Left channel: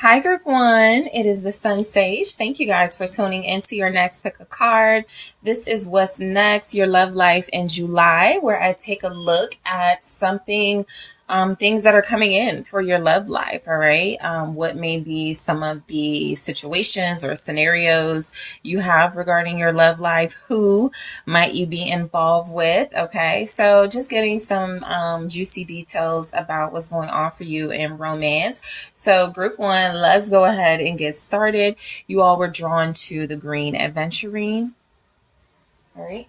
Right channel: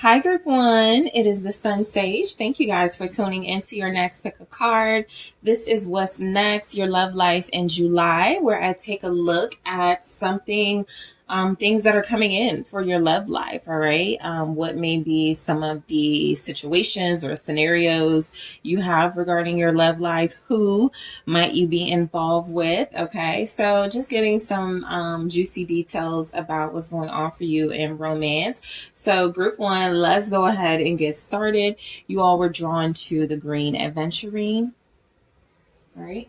Hi, Group One. It is the SunSage. Thank you guys for tuning into your next pick a card. This is What's Next, Your Love Life in July, where I take a look at things that are coming in for your love life. All right. What may be some of the situations or scenarios you have regarding your love life? Who might you be involved with? Okay. So just getting some juicy details about what's going on for you in romance. So Group One, let's go ahead and get started. You all were drawn to the green aventurine. All right.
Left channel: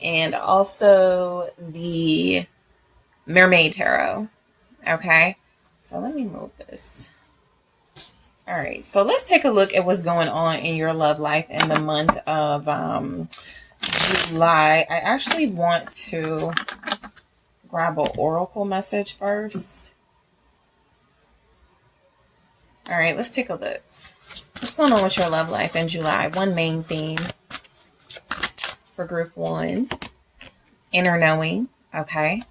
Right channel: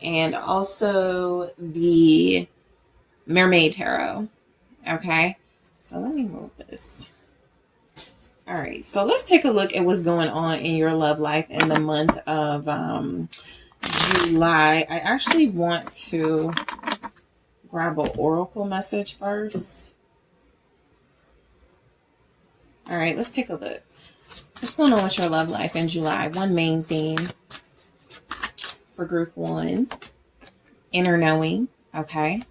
And also the Mermaid Tarot. Okay, so let me move this. All right, so let's take a look at what's going on in your love life in the month of July. I actually want to grab an oracle message first. All right, let's take a look. What's going on with your love life in July? One main theme for Group One, inner knowing. Okay.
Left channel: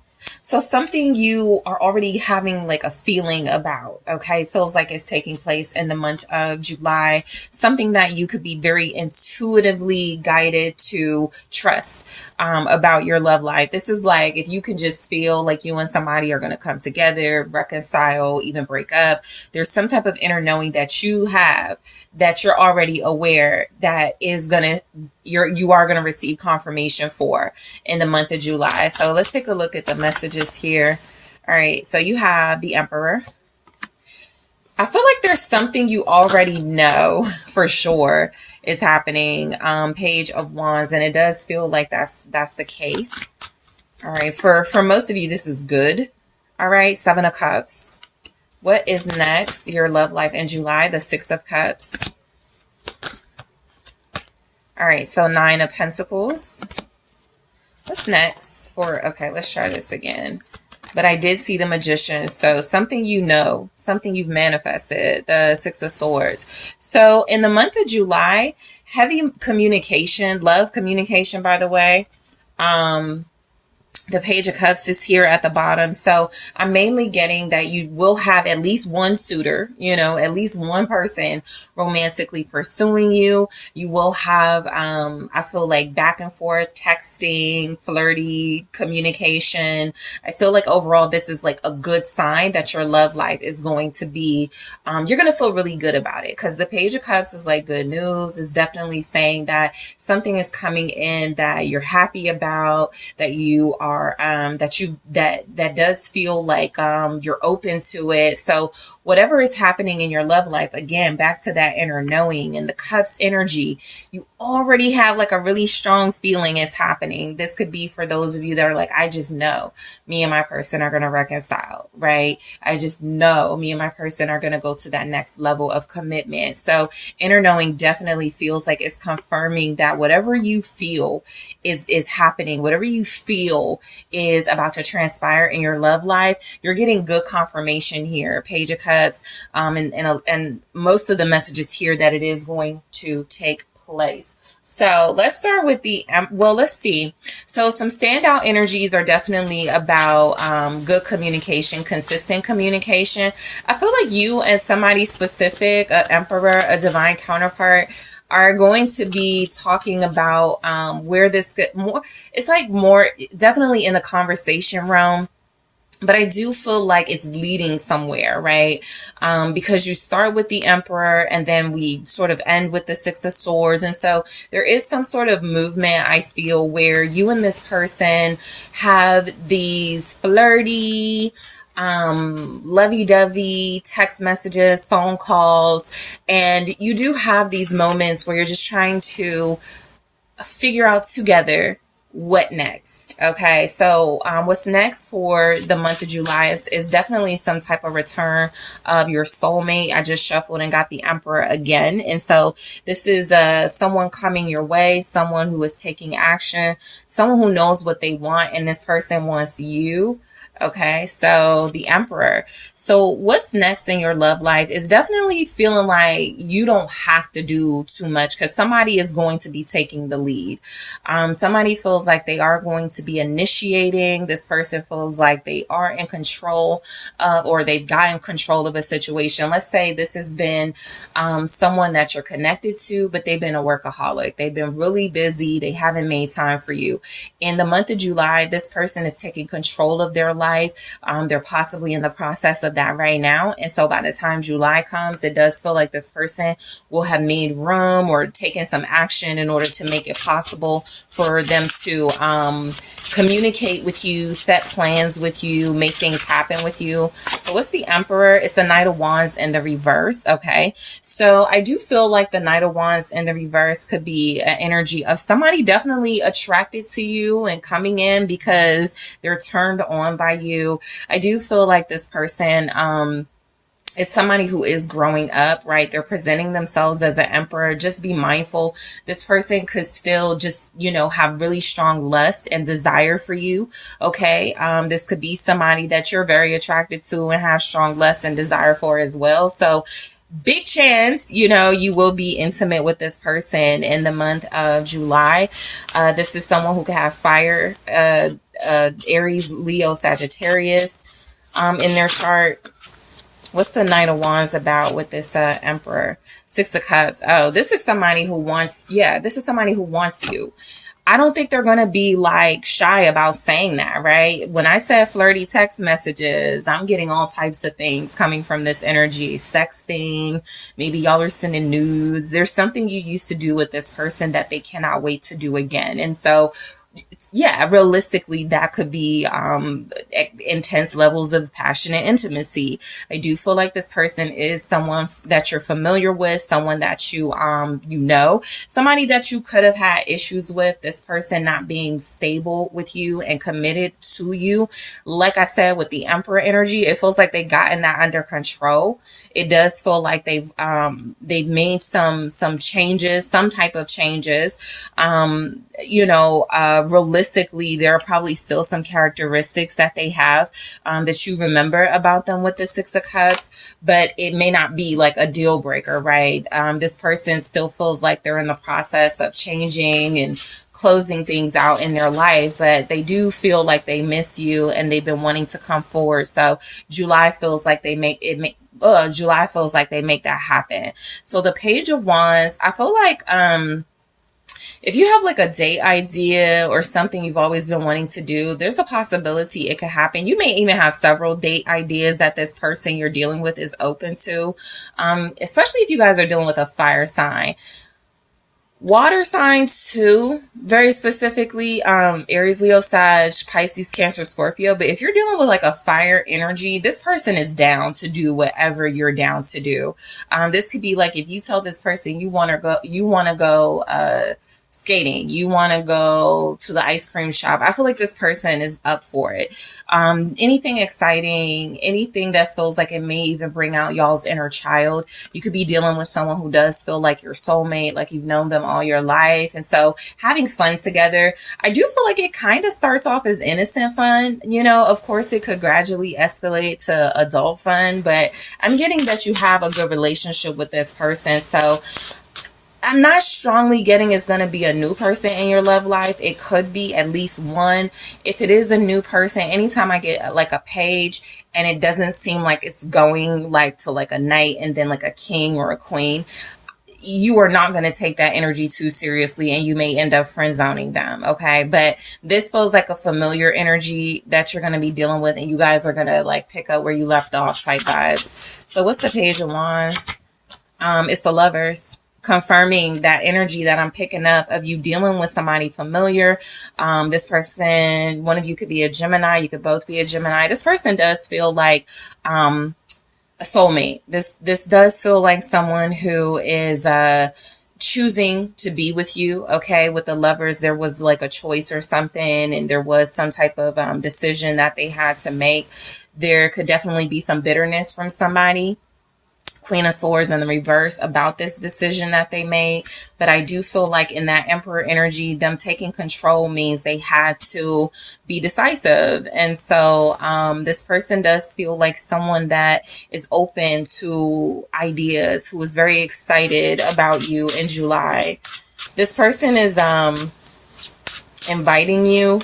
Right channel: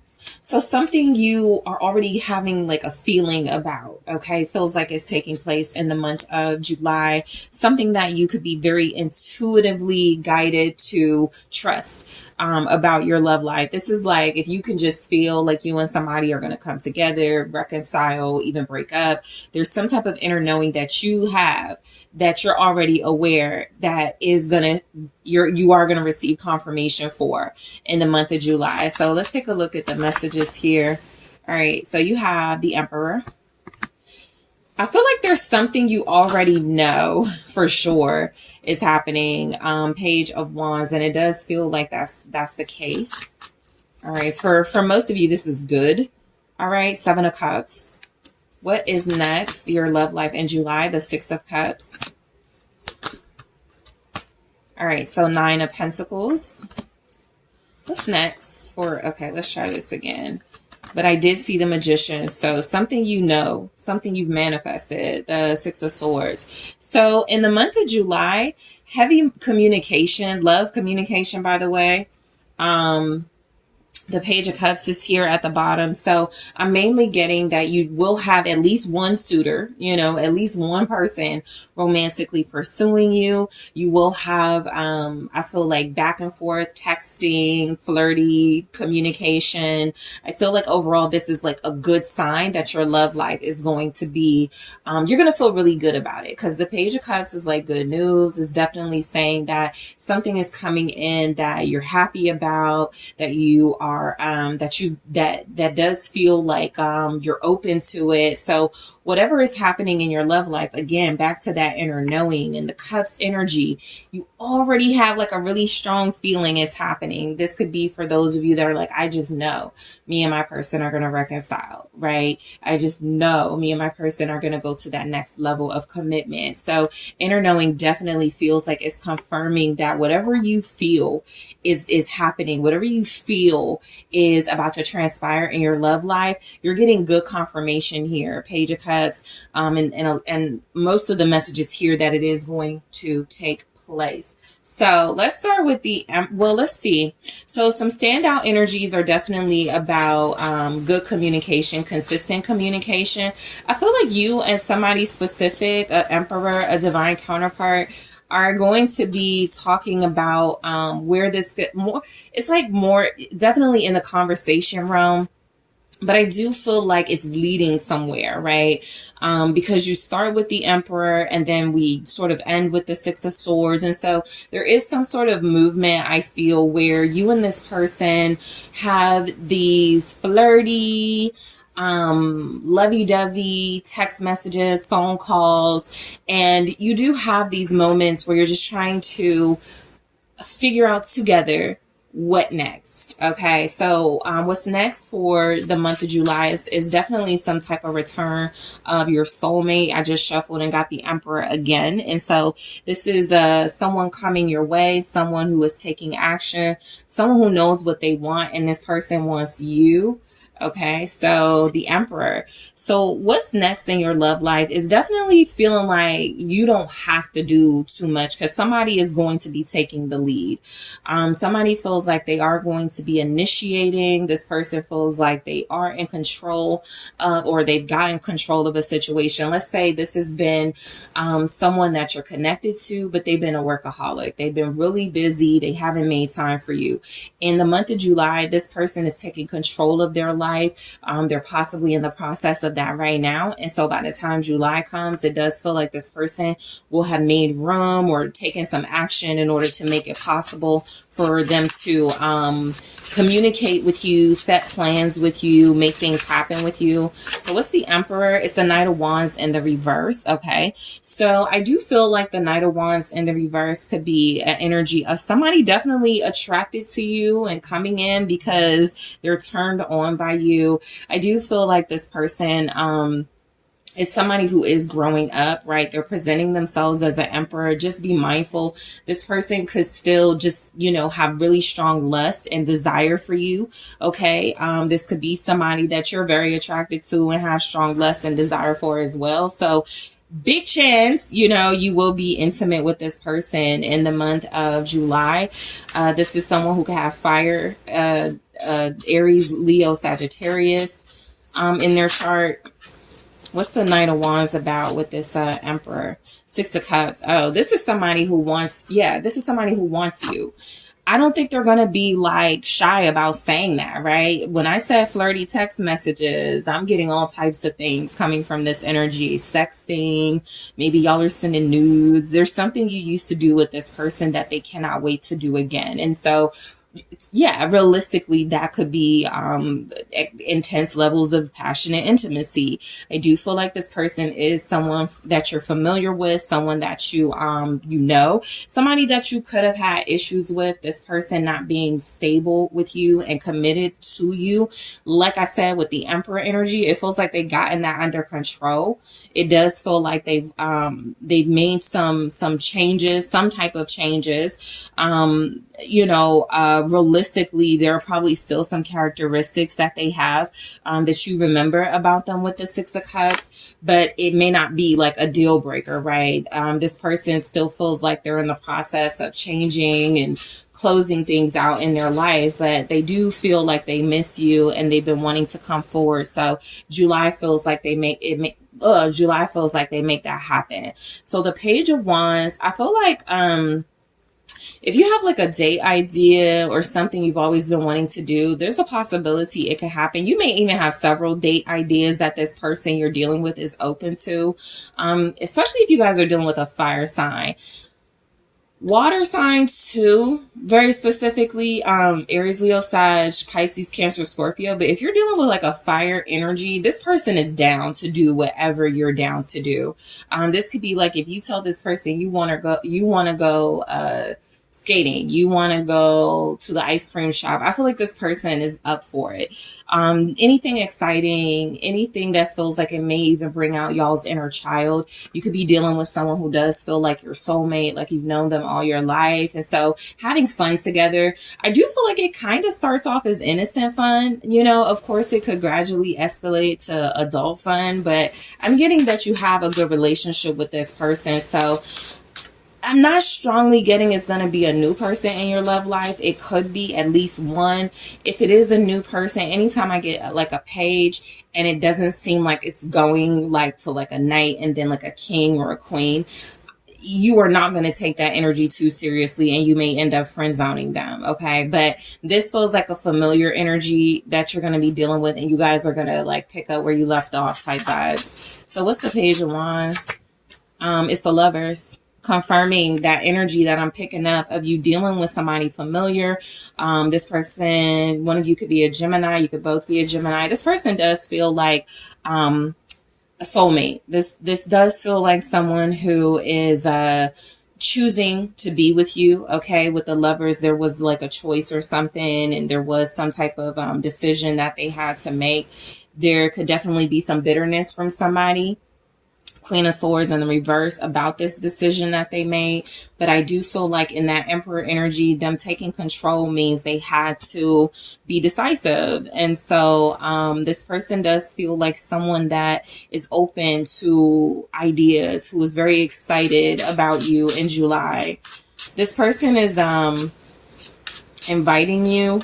So something you are already having like a feeling about, okay, feels like it's taking place in the month of July, something that you could be very intuitively guided to trust about your love life. This is like if you can just feel like you and somebody are going to come together, reconcile, even break up. There's some type of inner knowing that you have that you're already aware that is going to you are going to receive confirmation for in the month of July. So let's take a look at the messages here. All right. So you have the Emperor. I feel like there's something you already know for sure is happening. Page of Wands. And it does feel like that's the case. All right. For most of you, this is good. All right. Seven of Cups. What is next? Your love life in July. The Six of Cups. All right, so Nine of Pentacles. What's next for, okay, let's try this again. But I did see the Magician, so something you know, something you've manifested, the Six of Swords. So in the month of July, heavy communication, love communication, by the way. The Page of Cups is here at the bottom. So I'm mainly getting that you will have at least one suitor, at least one person romantically pursuing you. You will have, I feel like back and forth texting, flirty communication. I feel like overall this is like a good sign that your love life is going to be, you're going to feel really good about it because the Page of Cups is like good news. It's definitely saying that something is coming in that you're happy about, that you are that does feel like you're open to it. So whatever is happening in your love life, again, back to that inner knowing and the Cups energy, you already have like a really strong feeling is happening. This could be for those of you that are like, I just know me and my person are going to reconcile, right? I just know me and my person are going to go to that next level of commitment. So inner knowing definitely feels like it's confirming that whatever you feel is happening, whatever you feel is about to transpire in your love life, you're getting good confirmation here. Page of Cups, and most of the messages here that it is going to take place. So let's start with let's see. So some standout energies are definitely about good communication, consistent communication. I feel like you and somebody specific, an Emperor, a divine counterpart, are going to be talking about where this get more. It's like more definitely in the conversation realm. But I do feel like it's leading somewhere, right? Because you start with the Emperor and then we sort of end with the Six of Swords. And so there is some sort of movement, I feel, where you and this person have these flirty, lovey-dovey text messages, phone calls, and you do have these moments where you're just trying to figure out together what next. Okay, so what's next for the month of July is definitely some type of return of your soulmate. I just shuffled and got the Emperor again, and so this is someone coming your way, someone who is taking action, someone who knows what they want, and this person wants you. Okay, so the Emperor. So what's next in your love life is definitely feeling like you don't have to do too much because somebody is going to be taking the lead. Somebody feels like they are going to be initiating. This person feels like they are in control or they've gotten control of a situation. Let's say this has been someone that you're connected to, but they've been a workaholic. They've been really busy. They haven't made time for you. In the month of July, this person is taking control of their life. They're possibly in the process of that right now. And so by the time July comes, it does feel like this person will have made room or taken some action in order to make it possible for them to communicate with you, set plans with you, make things happen with you. So what's the Emperor? It's the Knight of Wands in the reverse. Okay. So I do feel like the Knight of Wands in the reverse could be an energy of somebody definitely attracted to you and coming in because they're turned on by you. I do feel like this person, is somebody who is growing up, right? They're presenting themselves as an emperor. Just be mindful. This person could still just, have really strong lust and desire for you. Okay. This could be somebody that you're very attracted to and have strong lust and desire for as well. So big chance, you will be intimate with this person in the month of July. This is someone who could have fire, Aries, Leo, Sagittarius, in their chart. What's the Knight of Wands about with this Emperor? Six of Cups. Oh, this is somebody who wants you. I don't think they're going to be like shy about saying that, right? When I said flirty text messages, I'm getting all types of things coming from this energy. Sexting, maybe y'all are sending nudes. There's something you used to do with this person that they cannot wait to do again. And so yeah, realistically, that could be intense levels of passionate intimacy. I do feel like this person is someone that you're familiar with, someone that you somebody that you could have had issues with. This person not being stable with you and committed to you. Like I said, with the Emperor energy, it feels like they've gotten that under control. It does feel like they've made some changes, some type of changes. Realistically, there are probably still some characteristics that they have that you remember about them with the Six of Cups, but it may not be like a deal breaker, right? This person still feels like they're in the process of changing and closing things out in their life, but they do feel like they miss you and they've been wanting to come forward. So July feels like they make that happen. So the Page of Wands, I feel like if you have like a date idea or something you've always been wanting to do, there's a possibility it could happen. You may even have several date ideas that this person you're dealing with is open to, especially if you guys are dealing with a fire sign. Water signs too, very specifically, Aries, Leo, Sag, Pisces, Cancer, Scorpio. But if you're dealing with like a fire energy, this person is down to do whatever you're down to do. This could be like if you tell this person you want to go skating, you want to go to the ice cream shop. I feel like this person is up for it. Anything exciting, anything that feels like it may even bring out y'all's inner child. You could be dealing with someone who does feel like your soulmate, like you've known them all your life. And so having fun together, I do feel like it kind of starts off as innocent fun. Of course it could gradually escalate to adult fun, but I'm getting that you have a good relationship with this person. So I'm not strongly getting it's going to be a new person in your love life. It could be at least one. If it is a new person, anytime I get like a page and it doesn't seem like it's going like to like a knight and then like a king or a queen, you are not going to take that energy too seriously and you may end up friend zoning them. Okay. But this feels like a familiar energy that you're going to be dealing with and you guys are going to like pick up where you left off type vibes. So what's the Page of Wands? It's the Lovers. Confirming that energy that I'm picking up of you dealing with somebody familiar. This person, one of you could be a Gemini. You could both be a Gemini. This person does feel like a soulmate. This does feel like someone who is choosing to be with you. Okay. With the Lovers, there was like a choice or something and there was some type of decision that they had to make. There could definitely be some bitterness from somebody. Queen of Swords in the reverse about this decision that they made. But I do feel like in that Emperor energy, them taking control means they had to be decisive. And so this person does feel like someone that is open to ideas, who is very excited about you in July. This person is inviting you,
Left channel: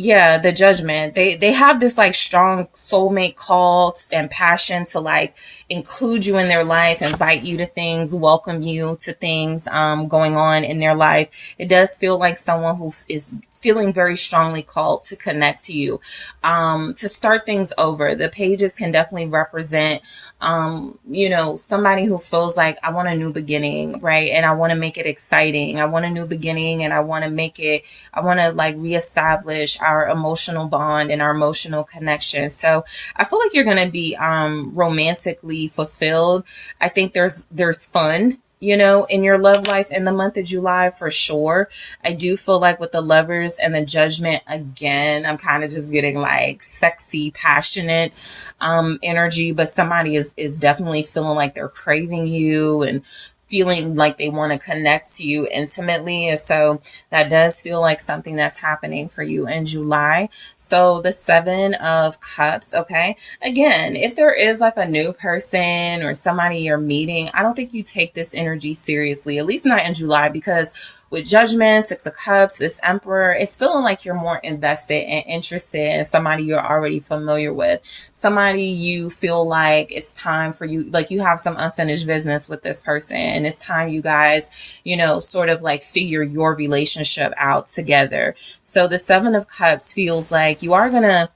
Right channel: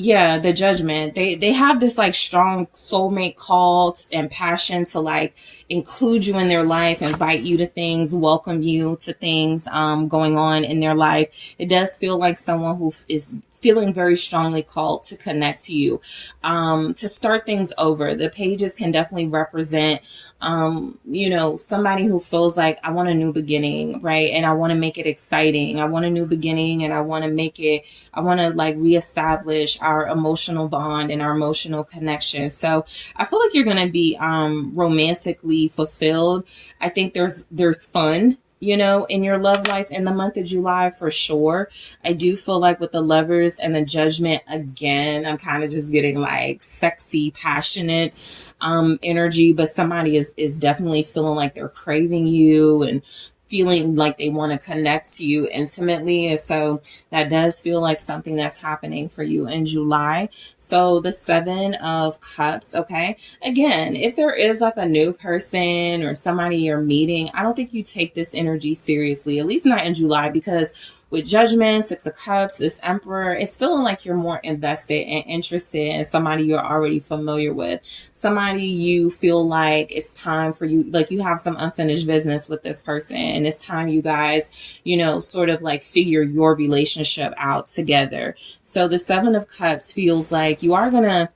yeah, the Judgment. They have this like strong soulmate call and passion to like include you in their life, invite you to things, welcome you to things going on in their life. It does feel like someone who is feeling very strongly called to connect to you, to start things over. The pages can definitely represent, you know, somebody who feels like, I want a new beginning, right? And I want to make it exciting. I want a new beginning, and I want to like reestablish our emotional bond and our emotional connection. So I feel like you're going to be romantically fulfilled. I think there's fun, you know, in your love life in the month of July for sure. I do feel like with the Lovers and the Judgment, again, I'm kind of just getting like sexy, passionate energy, but somebody is definitely feeling like they're craving you and feeling like they want to connect to you intimately. And so that does feel like something that's happening for you in July. So the Seven of Cups, okay? Again, if there is like a new person or somebody you're meeting, I don't think you take this energy seriously, at least not in July, because with Judgment, Six of Cups, this Emperor, it's feeling like you're more invested and interested in somebody you're already familiar with. Somebody you feel like it's time for you, like you have some unfinished business with this person, and it's time you guys, you know, sort of like figure your relationship out together. So the Seven of Cups feels like you are gonna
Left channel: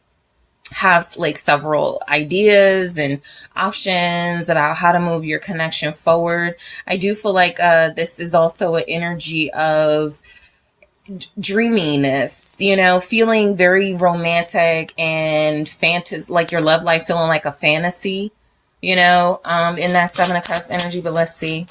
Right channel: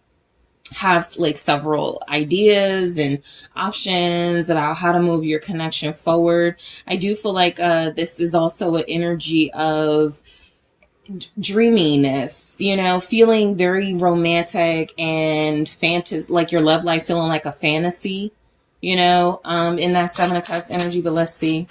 have like several ideas and options about how to move your connection forward. I do feel like this is also an energy of dreaminess, you know, feeling very romantic and like your love life feeling like a fantasy, you know, in that Seven of Cups energy. But let's see.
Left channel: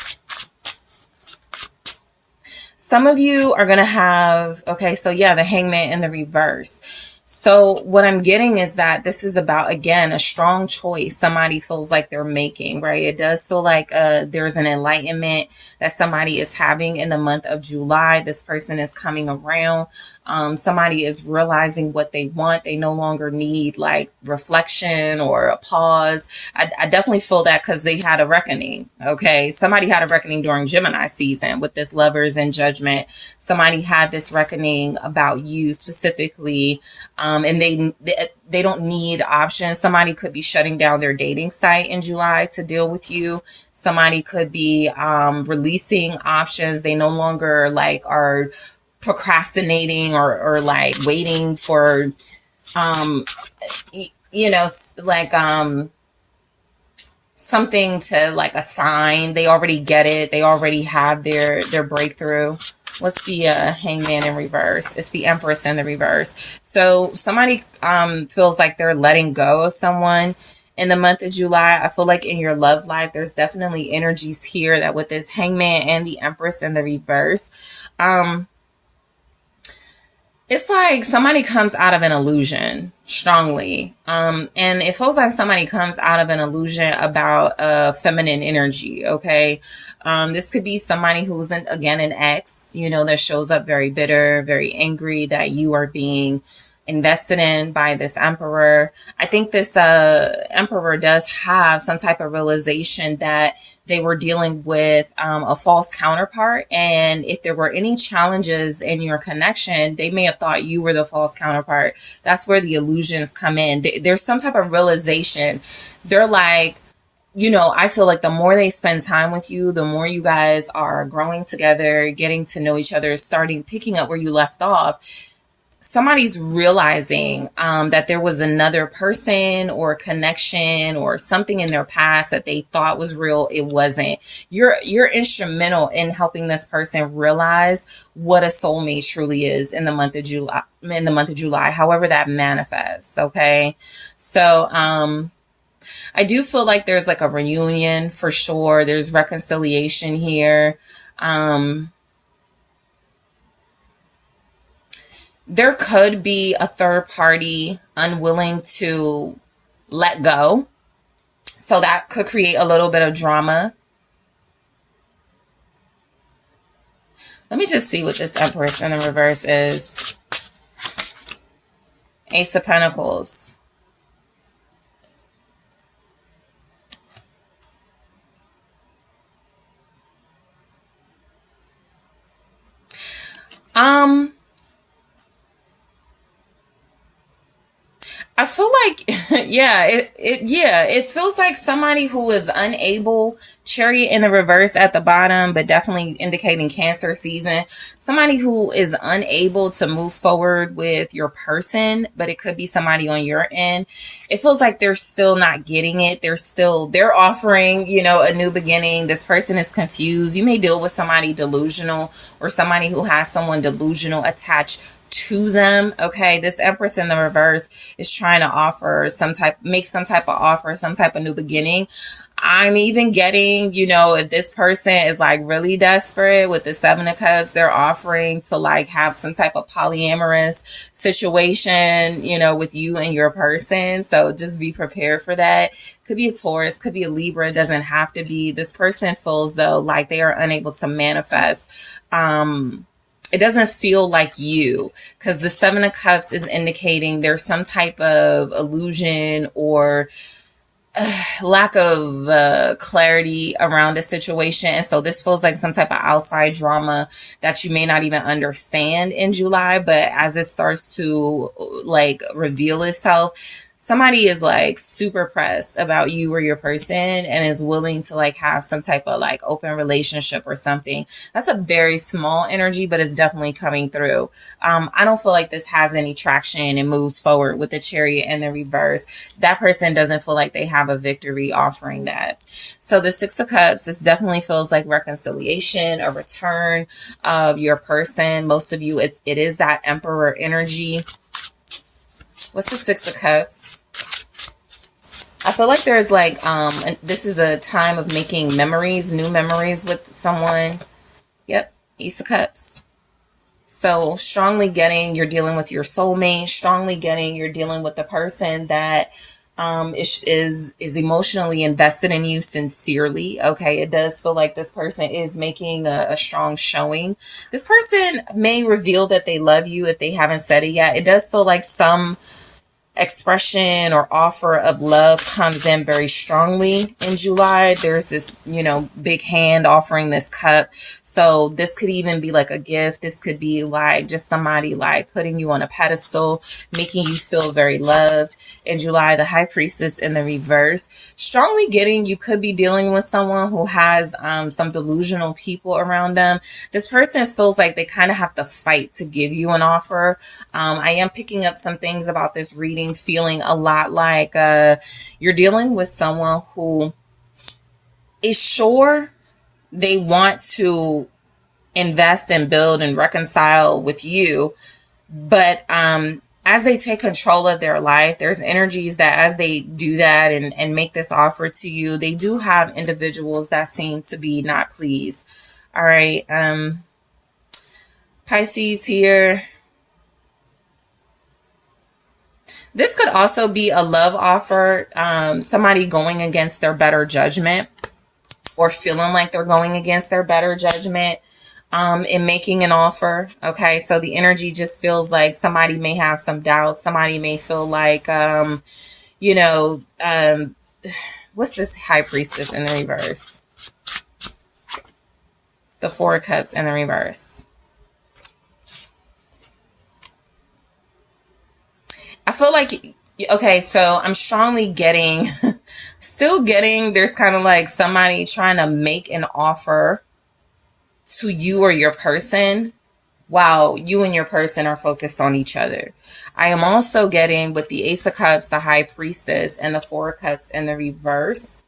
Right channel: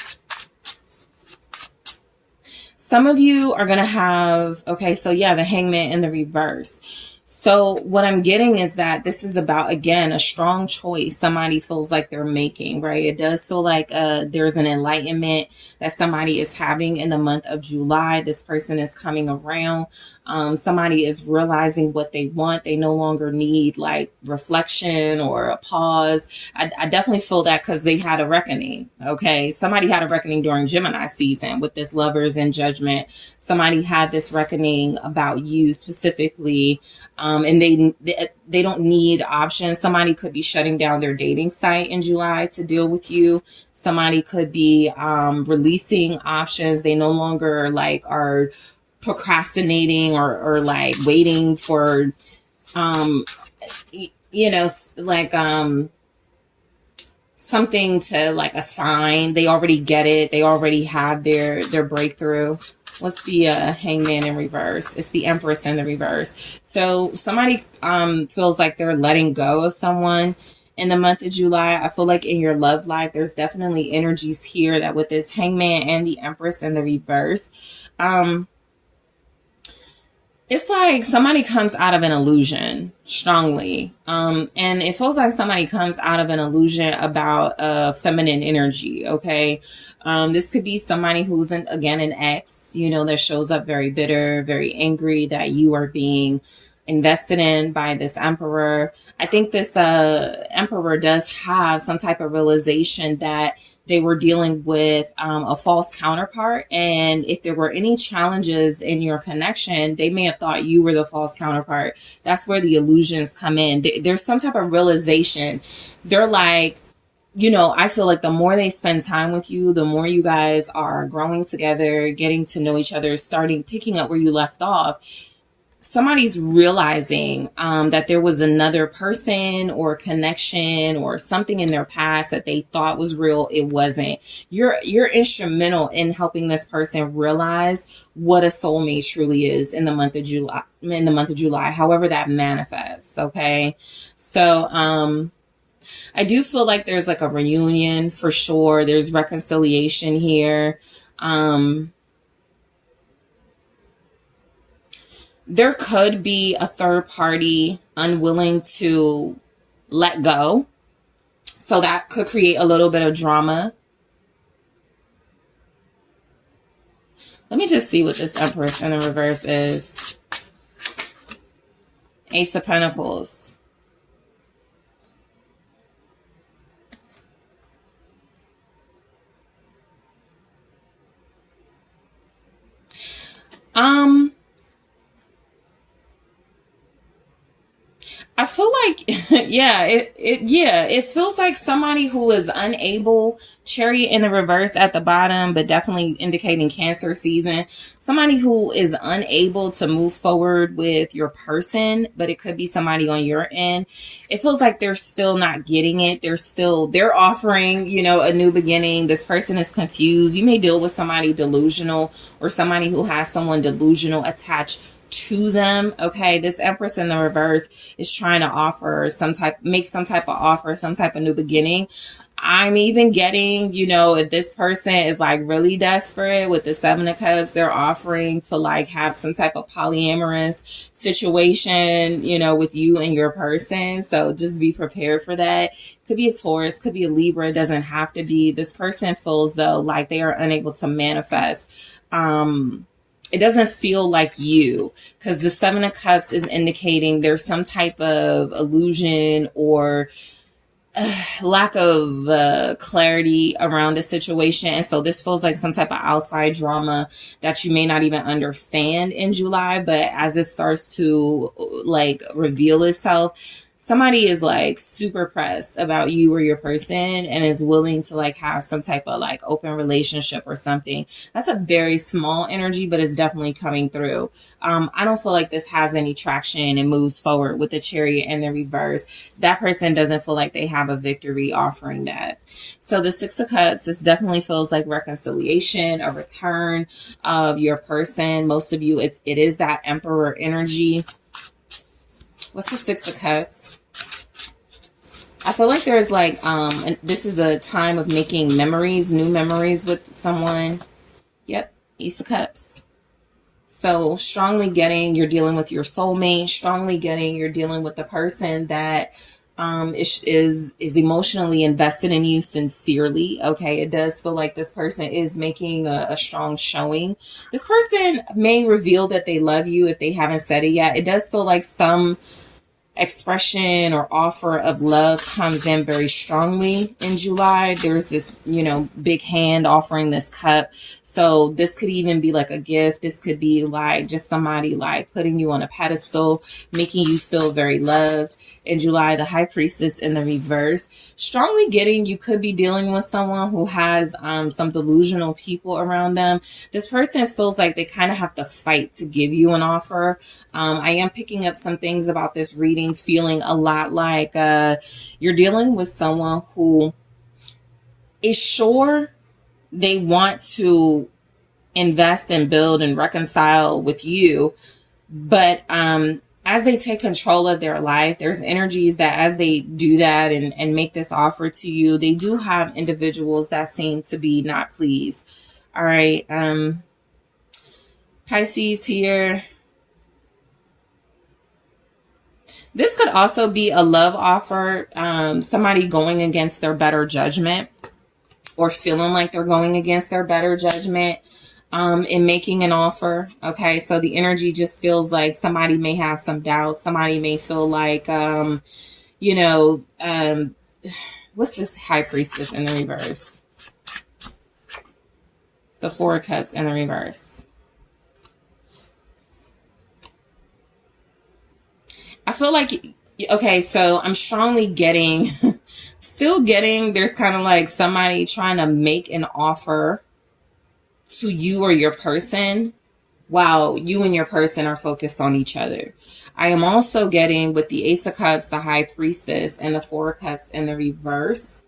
Some of you are going to have, okay, so yeah, the Hangman in the reverse. So what I'm getting is that this is about, again, a strong choice somebody feels like they're making, right? It does feel like there's an enlightenment that somebody is having in the month of July. This person is coming around. Somebody is realizing what they want. They no longer need like reflection or a pause. I definitely feel that because they had a reckoning, okay? Somebody had a reckoning during Gemini season with this Lovers and Judgment. Somebody had this reckoning about you specifically, and they don't need options. Somebody could be shutting down their dating site in July to deal with you. Somebody could be releasing options. They no longer like are procrastinating or like waiting for you know, like something to like a sign. They already get it. They already have their breakthrough. What's the Hangman in reverse? It's the Empress in the reverse. So somebody feels like they're letting go of someone in the month of July. I feel like in your love life, there's definitely energies here that with this Hangman and the Empress in the reverse, it's like somebody comes out of an illusion strongly. And it feels like somebody comes out of an illusion about feminine energy. Okay. This could be somebody who's again, an ex, you know, that shows up very bitter, very angry that you are being invested in by this Emperor. I think this Emperor does have some type of realization that they were dealing with a false counterpart, and if there were any challenges in your connection, they may have thought you were the false counterpart. That's where the illusions come in. There's some type of realization. They're like, you know, I feel like the more they spend time with you, the more you guys are growing together, getting to know each other, picking up where you left off. Somebody's realizing that there was another person or connection or something in their past that they thought was real. It wasn't. You're instrumental in helping this person realize what a soulmate truly is in the month of July, however that manifests. Okay. So, I do feel like there's like a reunion for sure. There's reconciliation here. There could be a third party unwilling to let go. So that could create a little bit of drama. Let me just see what this Empress in the reverse is. Ace of Pentacles. I feel like, it feels like somebody who is unable, Chariot in the reverse at the bottom, but definitely indicating Cancer season. Somebody who is unable to move forward with your person, but it could be somebody on your end. It feels like they're still not getting it. They're offering, a new beginning. This person is confused. You may deal with somebody delusional or somebody who has someone delusional attached to them. Okay, this Empress in the reverse is trying to make some type of offer, some type of new beginning. I'm even getting, if this person is like really desperate with the Seven of Cups, they're offering to like have some type of polyamorous situation, with you and your person. So just be prepared for that. Could be a Taurus, could be a Libra. It doesn't have to be. This person feels though like they are unable to manifest. It doesn't feel like you, because the Seven of Cups is indicating there's some type of illusion or lack of clarity around the situation. And so this feels like some type of outside drama that you may not even understand in July. But as it starts to like reveal itself, somebody is like super pressed about you or your person and is willing to like have some type of like open relationship or something. That's a very small energy, but it's definitely coming through. I don't feel like this has any traction and moves forward with the Chariot and the reverse. That person doesn't feel like they have a victory offering that. So the Six of Cups, this definitely feels like reconciliation, a return of your person. Most of you, it is that Emperor energy. What's the Six of Cups? I feel like there's like, this is a time of making memories, new memories with someone. Yep, Ace of Cups. So strongly getting you're dealing with your soulmate, strongly getting you're dealing with the person that is emotionally invested in you sincerely. Okay, it does feel like this person is making a strong showing. This person may reveal that they love you if they haven't said it yet. It does feel like some expression or offer of love comes in very strongly in July. There's this, big hand offering this cup. So this could even be like a gift. This could be like just somebody like putting you on a pedestal, making you feel very loved. In July, the High Priestess in the reverse, strongly getting you could be dealing with someone who has some delusional people around them. This person feels like they kind of have to fight to give you an offer. I am picking up some things about this reading, feeling a lot like you're dealing with someone who is sure they want to invest and build and reconcile with you, but as they take control of their life, there's energies that as they do that and make this offer to you, they do have individuals that seem to be not pleased. All right, Pisces here. This could also be a love offer, somebody going against their better judgment or feeling like they're going against their better judgment in making an offer. Okay, so the energy just feels like somebody may have some doubts. Somebody may feel like, what's this High Priestess in the reverse? The Four of Cups in the reverse. I feel like, okay, so I'm strongly getting, there's kind of like somebody trying to make an offer to you or your person while you and your person are focused on each other. I am also getting with the Ace of Cups, the High Priestess, and the Four of Cups in the reverse.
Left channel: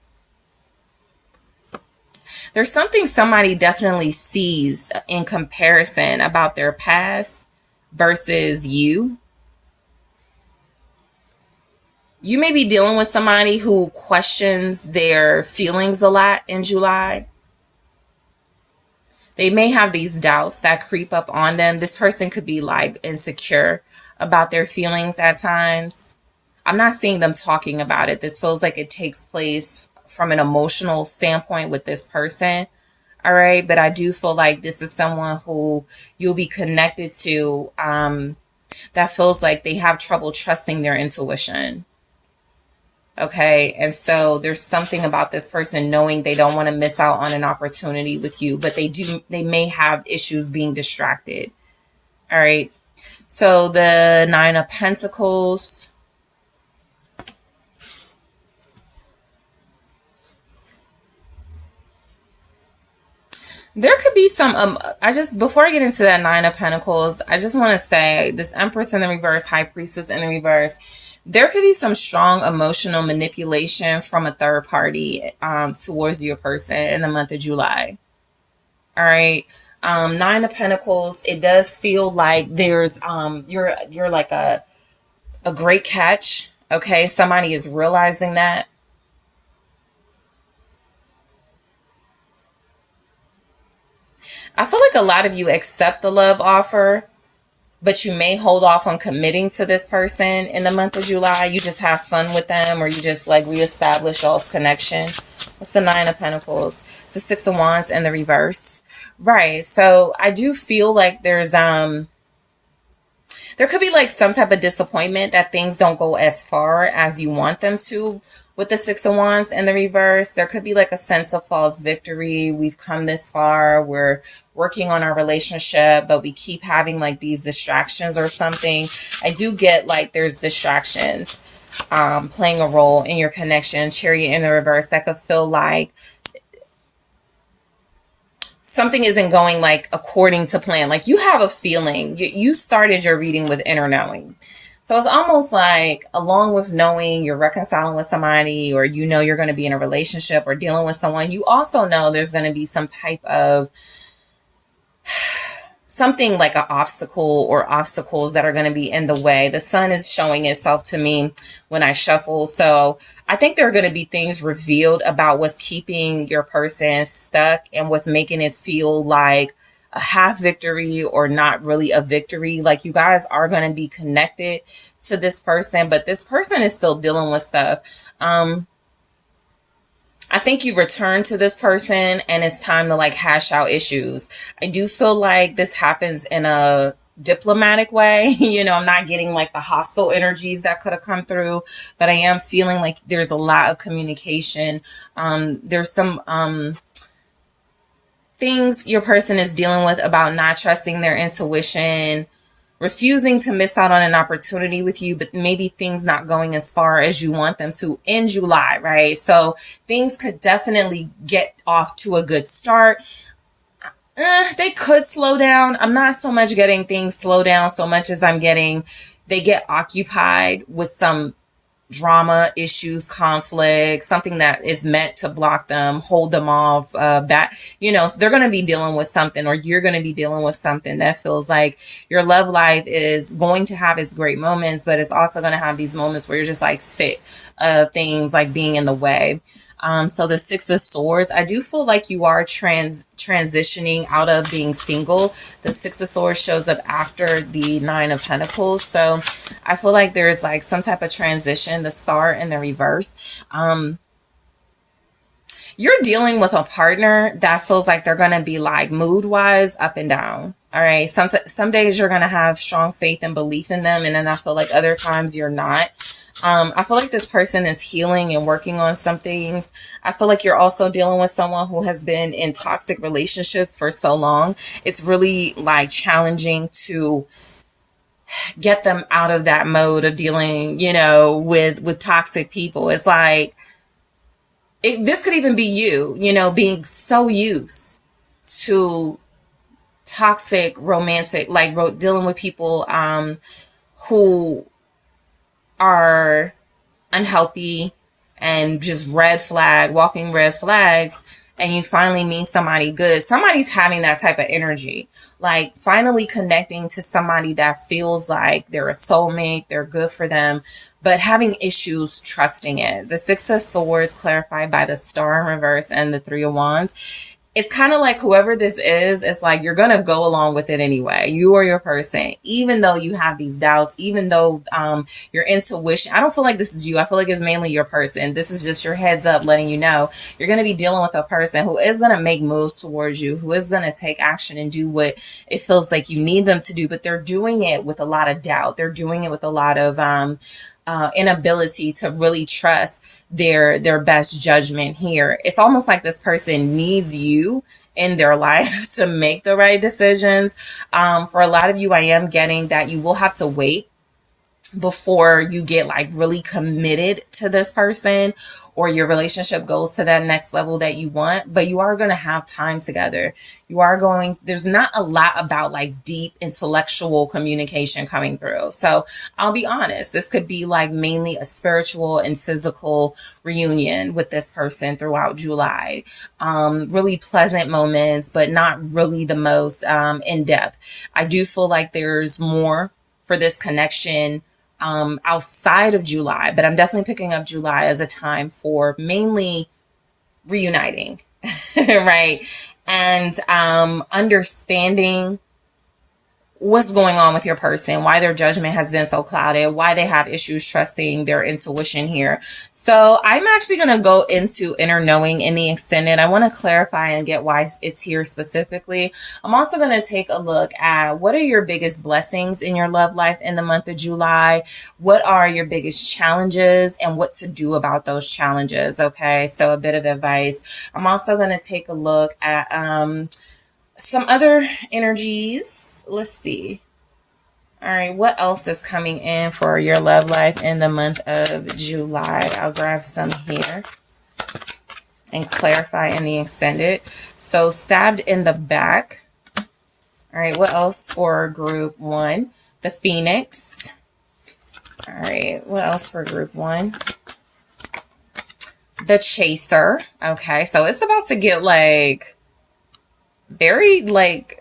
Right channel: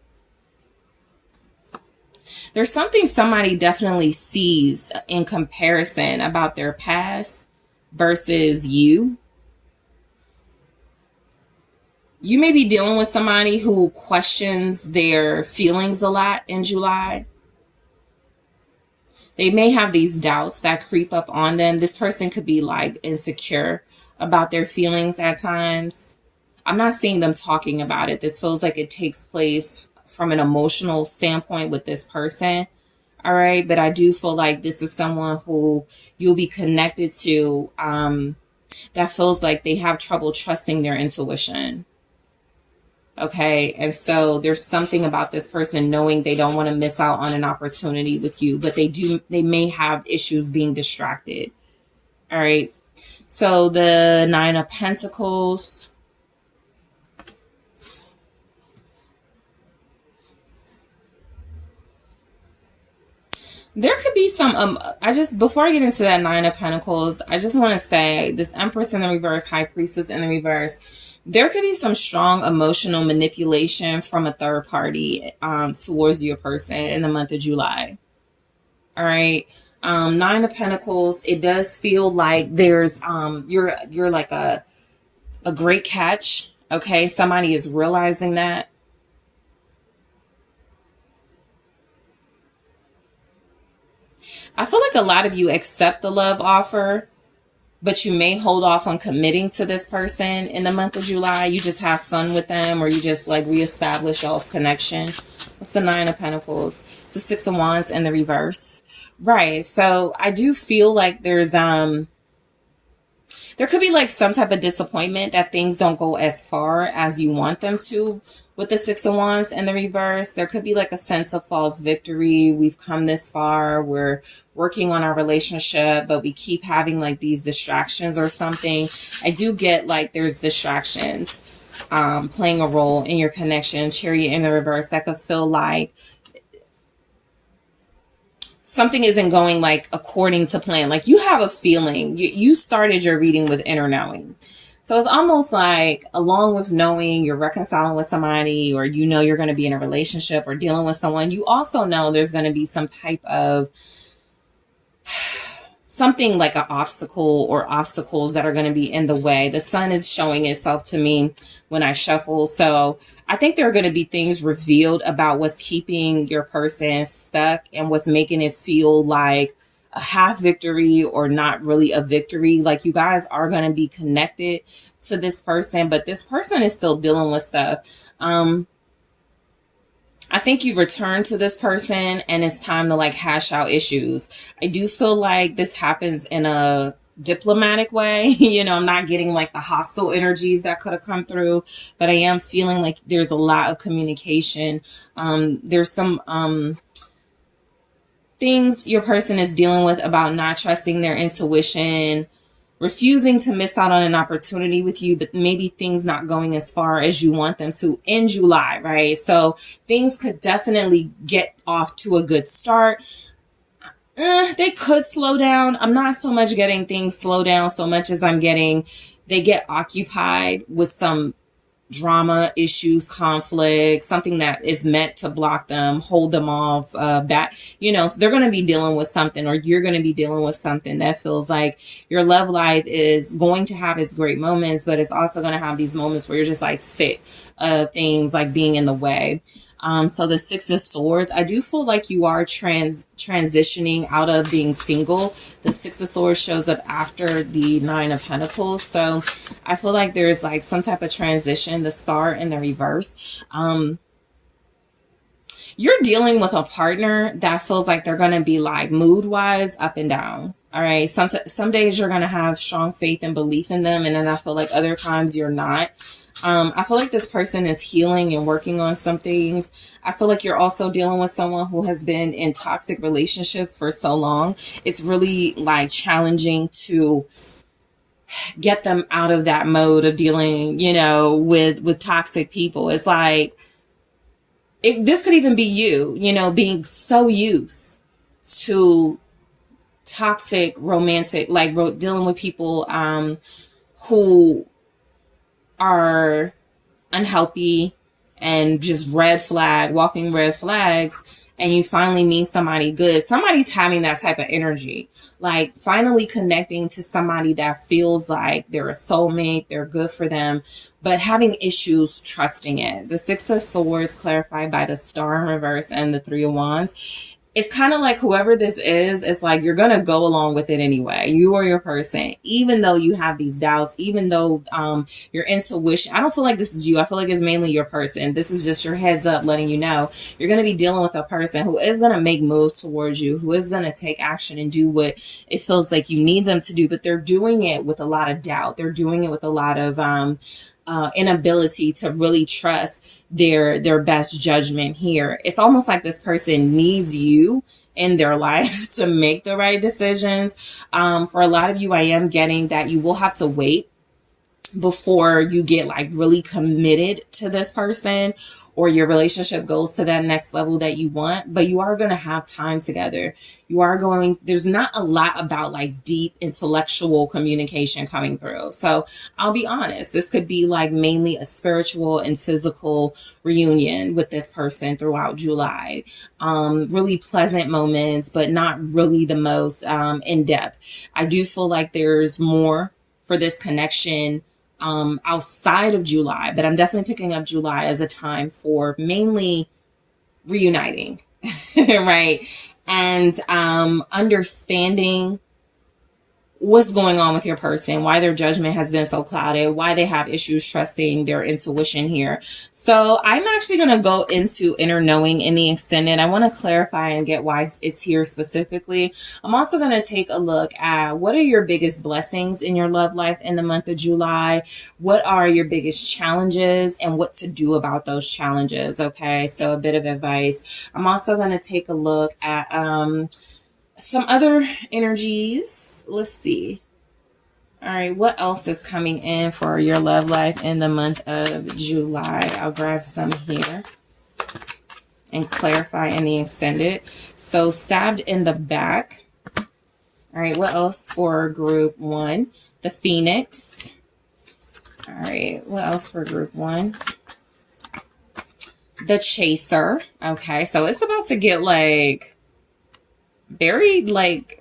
There's something somebody definitely sees in comparison about their past versus you. You may be dealing with somebody who questions their feelings a lot in July. They may have these doubts that creep up on them. This person could be like insecure about their feelings at times. I'm not seeing them talking about it. This feels like it takes place from an emotional standpoint with this person. All right. But I do feel like this is someone who you'll be connected to that feels like they have trouble trusting their intuition. Okay. And so there's something about this person knowing they don't want to miss out on an opportunity with you, but they may have issues being distracted. All right. So the 9 of Pentacles. There could be some, before I get into that 9 of Pentacles, I just want to say this Empress in the reverse, High Priestess in the reverse, there could be some strong emotional manipulation from a third party towards your person in the month of July. All right. 9 of Pentacles, it does feel like there's, you're like a great catch. Okay. Somebody is realizing that. I feel like a lot of you accept the love offer, but you may hold off on committing to this person in the month of July. You just have fun with them, or you just like reestablish y'all's connection. What's the 9 of Pentacles? It's the 6 of Wands in the reverse. Right. So I do feel like there could be like some type of disappointment that things don't go as far as you want them to with the 6 of Wands in the reverse. There could be like a sense of false victory. We've come this far. We're working on our relationship, but we keep having like these distractions or something. I do get like there's distractions playing a role in your connection. Chariot in the reverse, that could feel like something isn't going like according to plan. Like you have a feeling. You started your reading with inner knowing. So it's almost like along with knowing you're reconciling with somebody, or you know you're going to be in a relationship or dealing with someone, you also know there's going to be some type of something like an obstacle or obstacles that are going to be in the way. The sun is showing itself to me when I shuffle. So I think there are going to be things revealed about what's keeping your person stuck and what's making it feel like a half victory or not really a victory. Like you guys are going to be connected to this person, but this person is still dealing with stuff. I think you return to this person and it's time to like hash out issues. I do feel like this happens in a diplomatic way. You know, I'm not getting like the hostile energies that could have come through, but I am feeling like there's a lot of communication. There's some things your person is dealing with about not trusting their intuition, refusing to miss out on an opportunity with you, but maybe things not going as far as you want them to in July, right? So things could definitely get off to a good start. They could slow down. I'm not so much getting things slow down so much as I'm getting they get occupied with some drama, issues, conflict, something that is meant to block them, hold them off, back. You know, they're going to be dealing with something, or you're going to be dealing with something that feels like your love life is going to have its great moments, but it's also going to have these moments where you're just like sick of things like being in the way. So the 6 of Swords, I do feel like you are transitioning out of being single. The 6 of Swords shows up after the 9 of Pentacles. So I feel like there's like some type of transition, the Star in the reverse. You're dealing with a partner that feels like they're going to be like mood wise up and down. All right. Some days you're going to have strong faith and belief in them. And then I feel like other times you're not. I feel like this person is healing and working on some things. I feel like you're also dealing with someone who has been in toxic relationships for so long. It's really like challenging to get them out of that mode of dealing, you know, with toxic people. It's like, this could even be you, you know, being so used to toxic romantic, like dealing with people who are unhealthy and just walking red flags, and you finally meet somebody good. Somebody's having that type of energy, like finally connecting to somebody that feels like they're a soulmate, they're good for them, but having issues trusting it. The 6 of Swords clarified by the Star in reverse and the 3 of Wands. it's kind of like whoever this is, it's like you're going to go along with it anyway. You or your person, even though you have these doubts, even though your intuition, I don't feel like this is you. I feel like it's mainly your person. This is just your heads up letting you know you're going to be dealing with a person who is going to make moves towards you, who is going to take action and do what it feels like you need them to do, but they're doing it with a lot of doubt. They're doing it with a lot of inability to really trust their best judgment here. It's almost like this person needs you in their life to make the right decisions. For a lot of you, I am getting that you will have to wait before you get like really committed to this person or your relationship goes to that next level that you want, but you are going to have time together. There's not a lot about like deep intellectual communication coming through. So I'll be honest, this could be like mainly a spiritual and physical reunion with this person throughout July. Really pleasant moments, but not really the most in depth. I do feel like there's more for this connection outside of July, but I'm definitely picking up July as a time for mainly reuniting, right? And understanding what's going on with your person, why their judgment has been so clouded, why they have issues trusting their intuition here. So I'm actually going to go into inner knowing in the extended. I want to clarify and get why it's here specifically. I'm also going to take a look at what are your biggest blessings in your love life in the month of July? What are your biggest challenges and what to do about those challenges? Okay, so a bit of advice. I'm also going to take a look at some other energies. Let's see. All right, what else is coming in for your love life in the month of July? I'll grab some here and clarify in the extended. So stabbed in the back. All right, what else for group 1? The Phoenix. All right, what else for group 1? The Chaser. Okay, so it's about to get like very like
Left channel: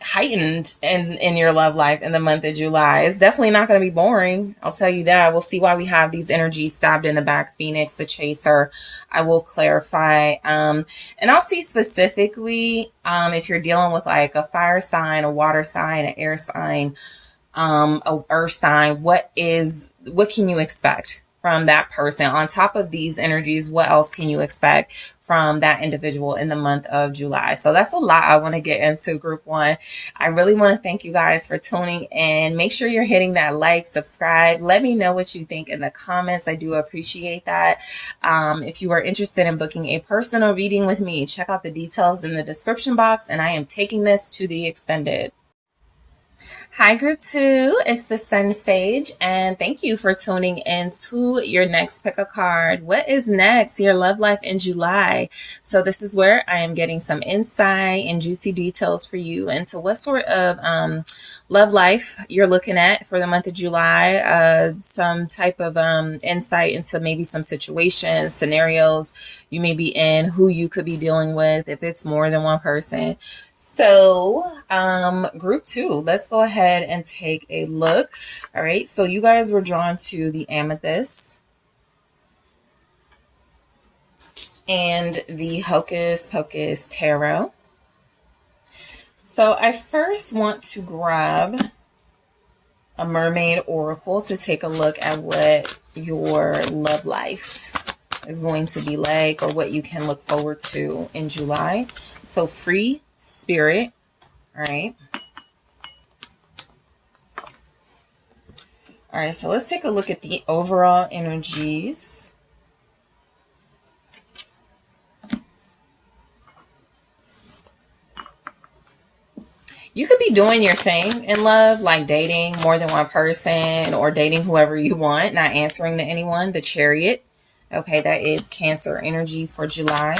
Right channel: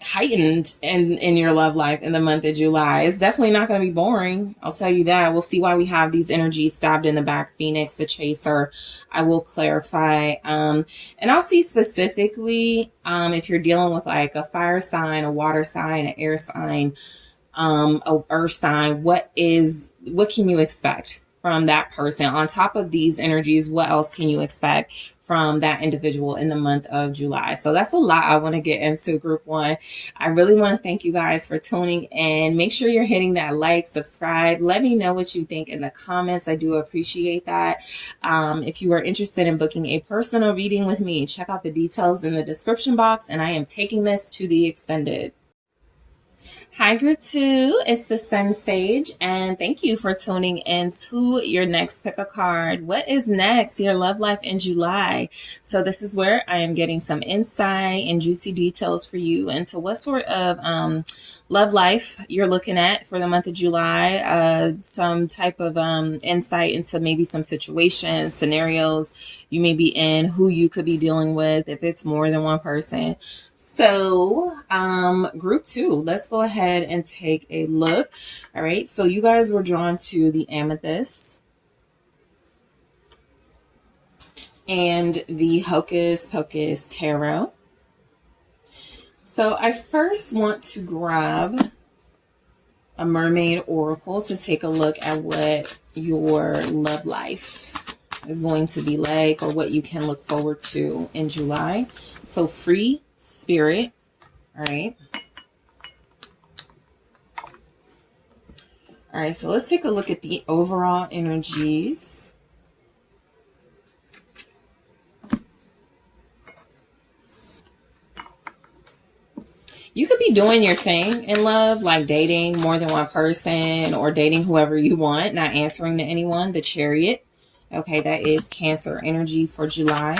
heightened in your love life in the month of July. It's definitely not going to be boring. I'll tell you that. We'll see why we have these energies stabbed in the back. Phoenix, the Chaser. I will clarify. And I'll see specifically if you're dealing with like a fire sign, a water sign, an air sign, a earth sign. What can you expect from that person? On top of these energies, what else can you expect from that individual in the month of July? So that's a lot I want to get into, group 1. I really want to thank you guys for tuning in. Make sure you're hitting that like, subscribe. Let me know what you think in the comments. I do appreciate that. If you are interested in booking a personal reading with me, check out the details in the description box, and I am taking this to the extended. Hi, group 2. It's the SunSage, and thank you for tuning in to your next pick a card. What is next? Your love life in July. So this is where I am getting some insight and juicy details for you into what sort of love life you're looking at for the month of July. Some type of insight into maybe some situations, scenarios you may be in, who you could be dealing with if it's more than one person. So, group 2, let's go ahead and take a look. All right. So you guys were drawn to the Amethyst and the Hocus Pocus Tarot. So I first want to grab a Mermaid Oracle to take a look at what your love life is going to be like, or what you can look forward to in July. So free spirit. All right. All right, so let's take a look at the overall energies. You could be doing your thing in love, like dating more than one person or dating whoever you want, not answering to anyone. The Chariot. Okay, that is Cancer energy for July.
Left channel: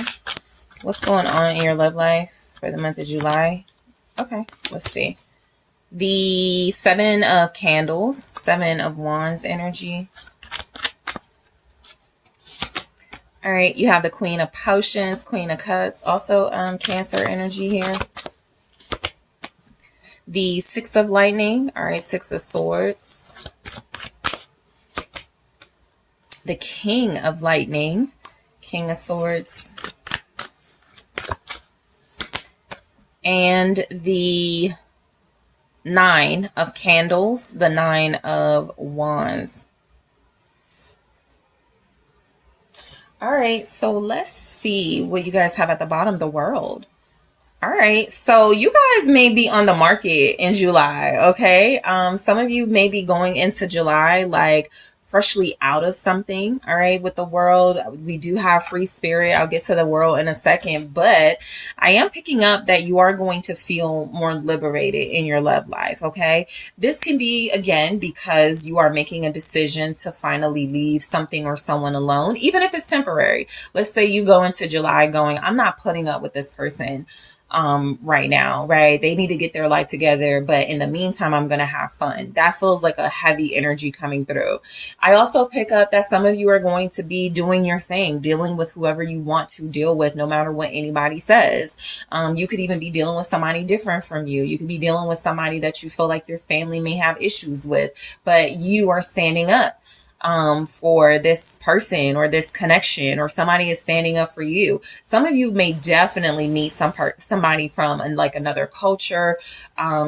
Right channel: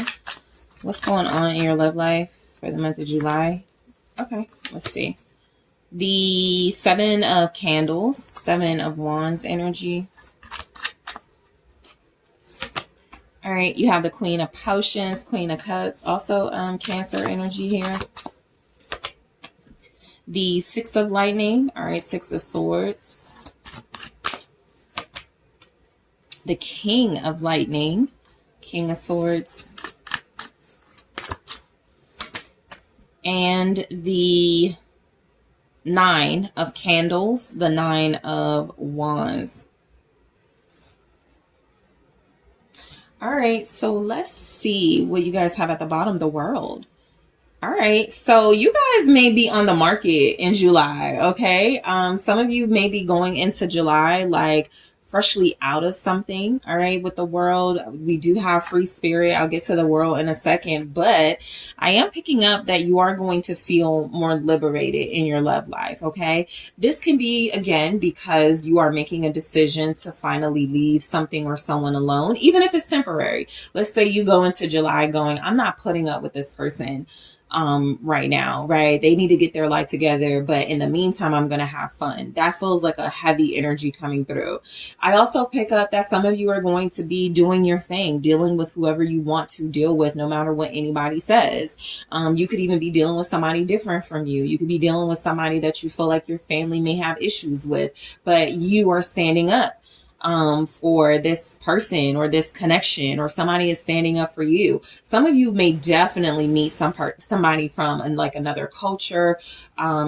What's going on in your love life for the month of July? Okay, let's see. The 7 of Candles, 7 of Wands energy. All right, you have the Queen of Potions, Queen of Cups, also Cancer energy here. The 6 of Lightning, all right, 6 of Swords. The King of Lightning, King of Swords. and the Nine of Candles, the Nine of Wands. All right, so let's see what you guys have at the bottom, the World. All right, so you guys may be on the market in July, okay? Some of you may be going into July like freshly out of something, all right? With the World, we do have free spirit. I'll get to the World in a second, but I am picking up that you are going to feel more liberated in your love life, okay? This can be, again, because you are making a decision to finally leave something or someone alone, even if it's temporary. Let's say you go into July going, I'm not putting up with this person right now, right? They need to get their life together, but in the meantime, I'm going to have fun. That feels like a heavy energy coming through. I also pick up that some of you are going to be doing your thing, dealing with whoever you want to deal with, no matter what anybody says. You could even be dealing with somebody different from you. You could be dealing with somebody that you feel like your family may have issues with, but you are standing up for this person or this connection, or somebody is standing up for you. Some of you may definitely meet somebody from like another culture,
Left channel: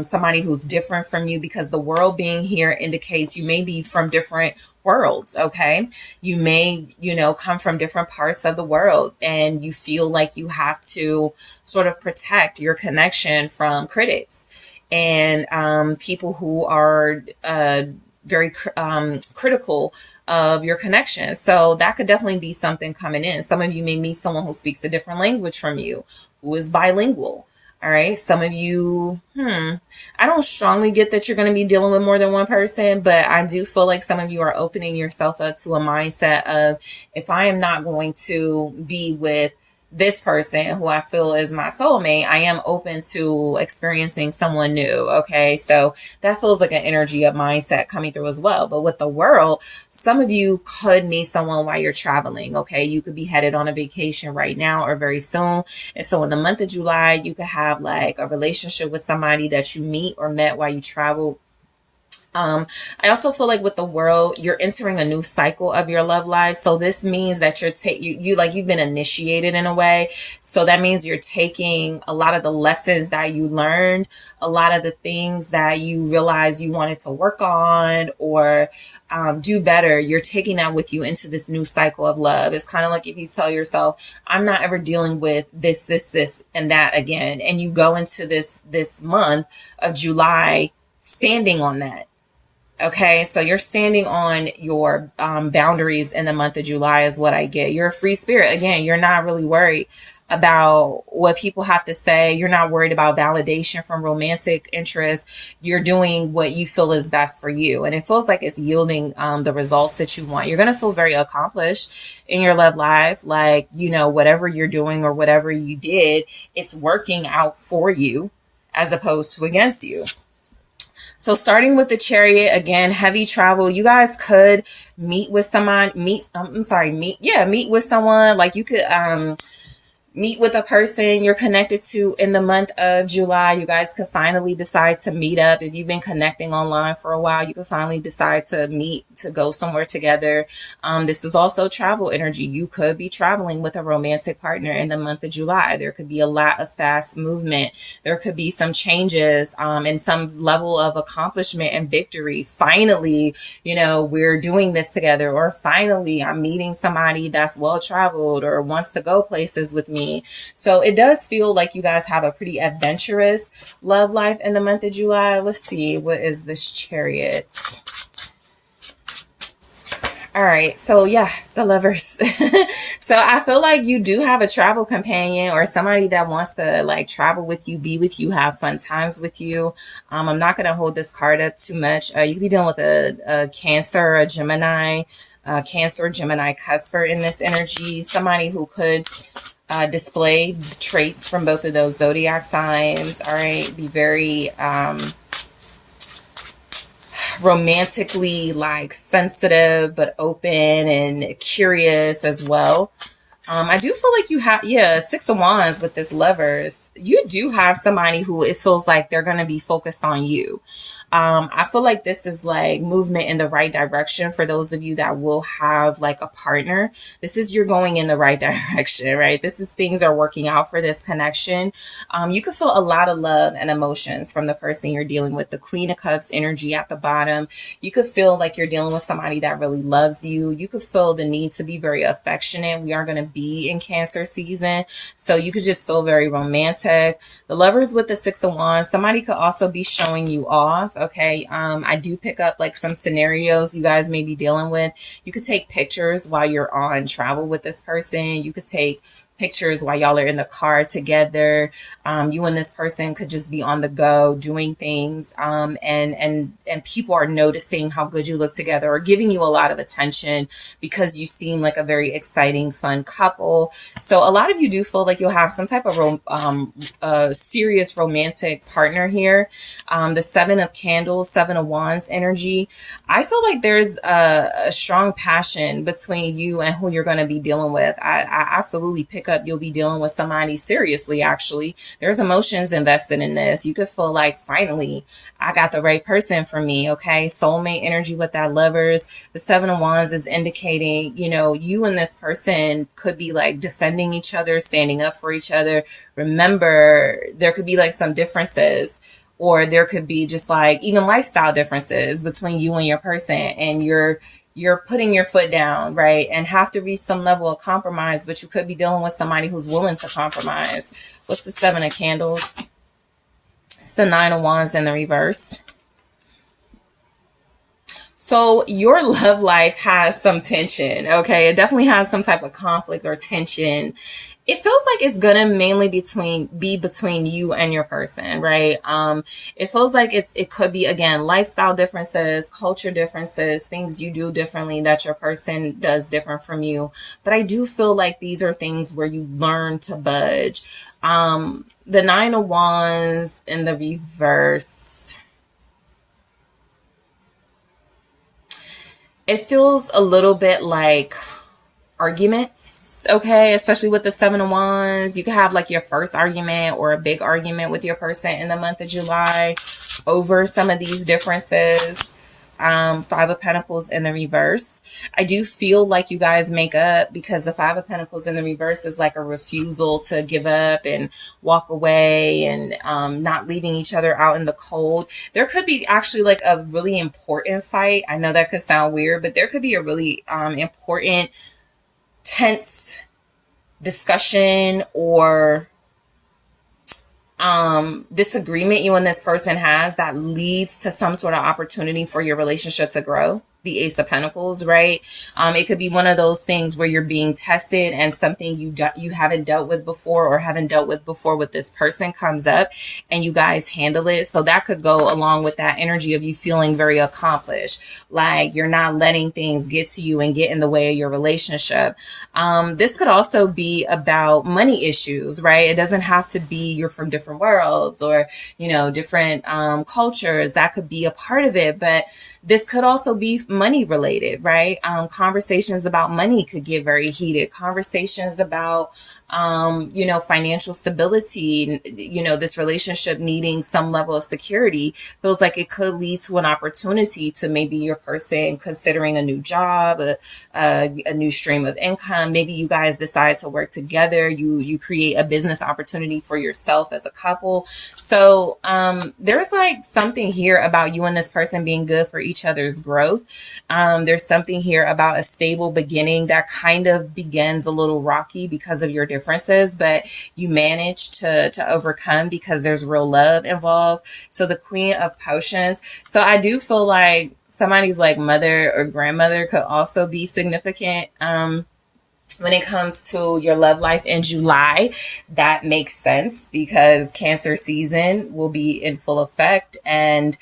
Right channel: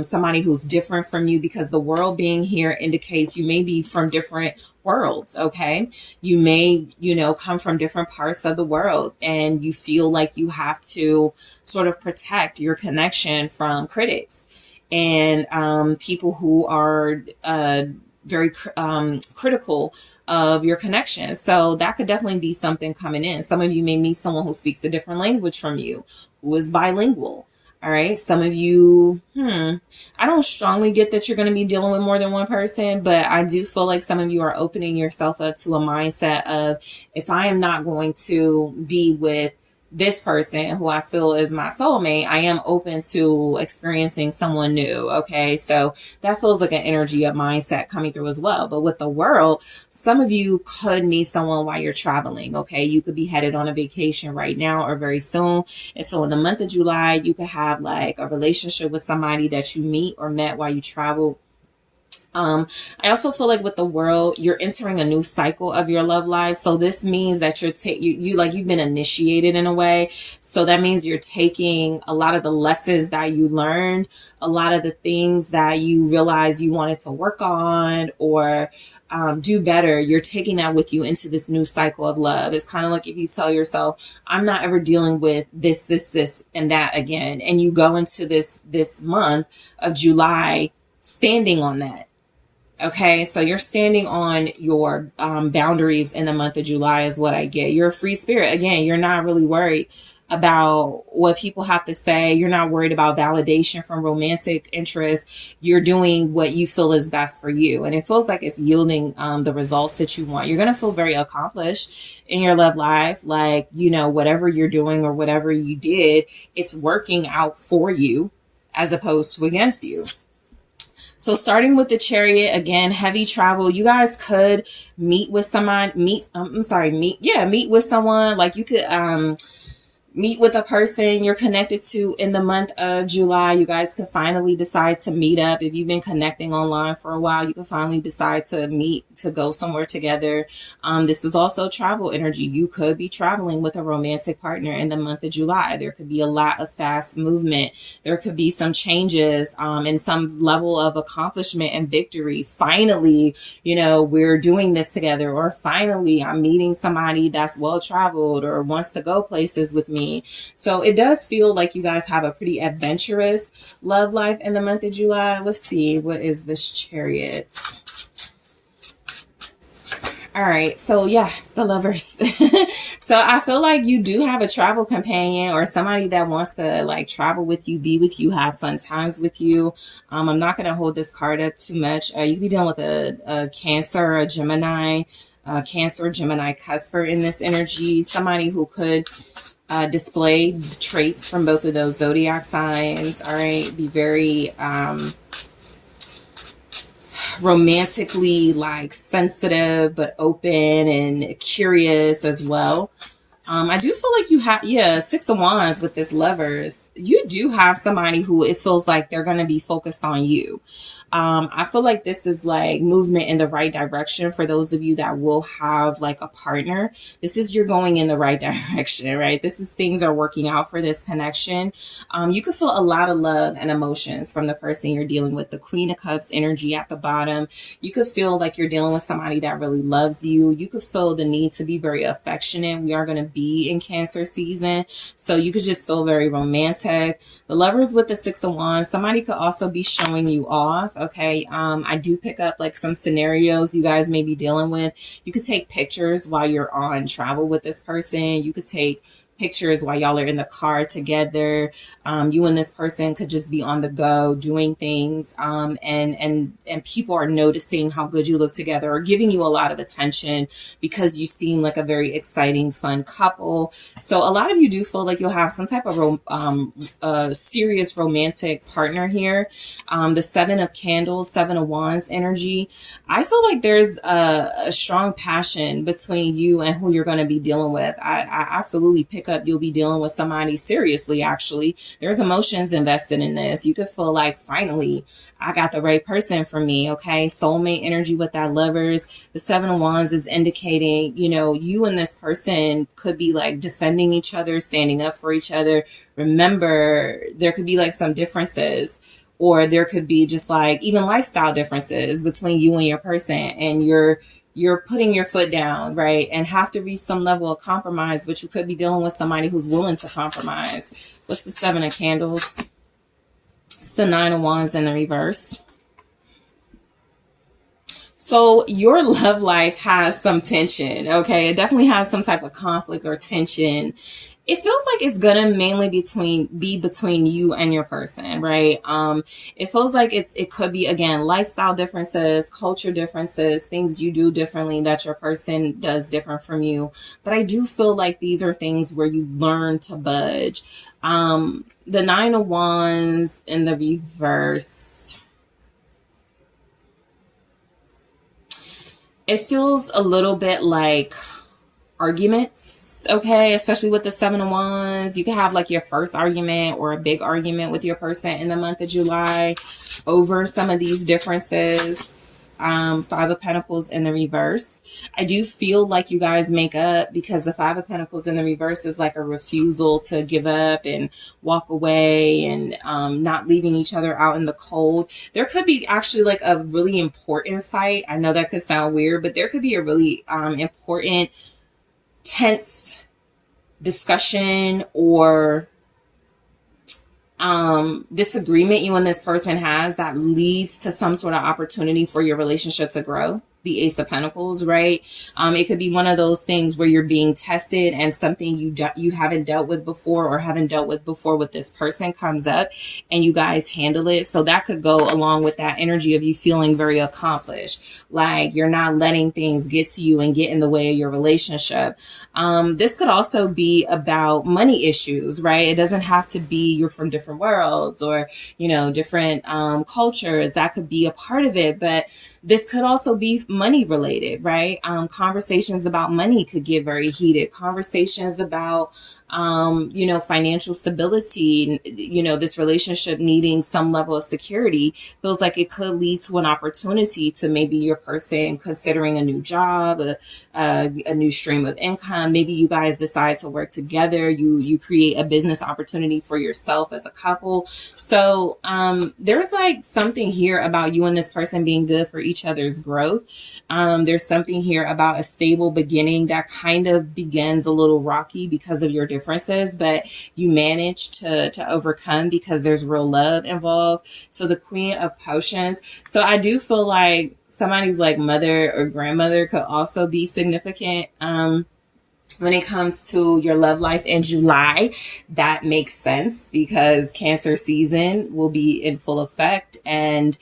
somebody who's different from you, because the World being here indicates you may be from different worlds, okay? You may, come from different parts of the world, and you feel like you have to sort of protect your connection from critics and people who are very critical of your connection. So that could definitely be something coming in. Some of you may meet someone who speaks a different language from you, who is bilingual. All right. Some of you, I don't strongly get that you're going to be dealing with more than one person, but I do feel like some of you are opening yourself up to a mindset of, if I am not going to be with this person who I feel is my soulmate, I am open to experiencing someone new. Okay. So that feels like an energy of mindset coming through as well. But with the World, some of you could meet someone while you're traveling. Okay. You could be headed on a vacation right now or very soon. And so in the month of July, you could have like a relationship with somebody that you meet or met while you travel. I also feel like with the World, you're entering a new cycle of your love life. So this means that you've been initiated in a way. So that means you're taking a lot of the lessons that you learned, a lot of the things that you realized you wanted to work on or do better. You're taking that with you into this new cycle of love. It's kind of like if you tell yourself, I'm not ever dealing with this, and that again. And you go into this month of July standing on that. Okay, so you're standing on your boundaries in the month of July is what I get. You're a free spirit. Again, you're not really worried about what people have to say. You're not worried about validation from romantic interests. You're doing what you feel is best for you. And it feels like it's yielding the results that you want. You're going to feel very accomplished in your love life. Like, whatever you're doing or whatever you did, it's working out for you as opposed to against you. So starting with the Chariot, again, heavy travel. You guys could meet with someone, meet with someone. Like you could, meet with a person you're connected to in the month of July. You guys could finally decide to meet up. If you've been connecting online for a while, you could finally decide to meet, to go somewhere together. This is also travel energy. You could be traveling with a romantic partner in the month of July. There could be a lot of fast movement. There could be some changes and some level of accomplishment and victory. Finally, we're doing this together, or finally I'm meeting somebody that's well traveled or wants to go places with me. So it does feel like you guys have a pretty adventurous love life in the month of July. Let's see, what is this Chariot? All right, so yeah, the Lovers. So I feel like you do have a travel companion or somebody that wants to like travel with you, be with you, have fun times with you. I'm not going to hold this card up too much. You could be dealing with a Cancer or a Gemini, Cancer, Gemini, cusper in this energy. Somebody who could display traits from both of those zodiac signs. All right, be very romantically like sensitive but open and curious as well. I do feel like you have, yeah, Six of Wands with this Lovers. You do have somebody who it feels like they're going to be focused on you. I feel like this is like movement in the right direction for those of you that will have like a partner. This is you're going in the right direction, right? This is things are working out for this connection. You could feel a lot of love and emotions from the person you're dealing with. The Queen of Cups energy at the bottom. You could feel like you're dealing with somebody that really loves you. You could feel the need to be very affectionate. We are going to be in Cancer season, so you could just feel very romantic. The Lovers with the Six of Wands. Somebody could also be showing you off. Okay. I do pick up like some scenarios you guys may be dealing with. You could take pictures while you're on travel with this person. You could take pictures while y'all are in the car together. You and this person could just be on the go doing things. And people are noticing how good you look together or giving you a lot of attention because you seem like a very exciting, fun couple. So a lot of you do feel like you'll have some type of serious romantic partner here. The Seven of Candles, Seven of Wands energy. I feel like there's a strong passion between you and who you're going to be dealing with. I absolutely pick up you'll be dealing with somebody seriously. Actually, there's emotions invested in this. You could feel like finally I got the right person for me. Okay, soulmate energy with that Lovers. The Seven of Wands is indicating, you know, you and this person could be like defending each other, standing up for each other. Remember, there could be like some differences, or there could be just like even lifestyle differences between you and your person, and you're putting your foot down, right? And have to reach some level of compromise, but you could be dealing with somebody who's willing to compromise. What's the Seven of Candles? It's the Nine of Wands in the reverse. So your love life has some tension, okay? It definitely has some type of conflict or tension. It feels like it's gonna mainly be between you and your person, right? It feels like it could be, again, lifestyle differences, culture differences, things you do differently that your person does different from you. But I do feel like these are things where you learn to budge. The Nine of Wands in the reverse. It feels a little bit like arguments, okay? Especially with the Seven of Wands. You could have like your first argument or a big argument with your person in the month of July over some of these differences. Five of Pentacles in the reverse. I do feel like you guys make up because the Five of Pentacles in the reverse is like a refusal to give up and walk away and not leaving each other out in the cold. There could be actually like a really important fight. I know that could sound weird, but there could be a really important, tense discussion or disagreement you and this person has that leads to some sort of opportunity for your relationship to grow. The Ace of Pentacles, right? It could be one of those things where you're being tested and something you haven't dealt with before or haven't dealt with before with this person comes up and you guys handle it. So that could go along with that energy of you feeling very accomplished, like you're not letting things get to you and get in the way of your relationship. This could also be about money issues, right? It doesn't have to be you're from different worlds or, you know, different cultures. That could be a part of it, but this could also be money related, right? Conversations about money could get very heated. Conversations about, you know, financial stability, you know, this relationship needing some level of security feels like it could lead to an opportunity to maybe your person considering a new job, a new stream of income. Maybe you guys decide to work together. You create a business opportunity for yourself as a couple. So, there's like something here about you and this person being good for each other's growth. There's something here about a stable beginning that kind of begins a little rocky because of your differences, but you manage to overcome because there's real love involved. So the Queen of Potions. So I do feel like somebody's like mother or grandmother could also be significant. When it comes to your love life in July, that makes sense because Cancer season will be in full effect and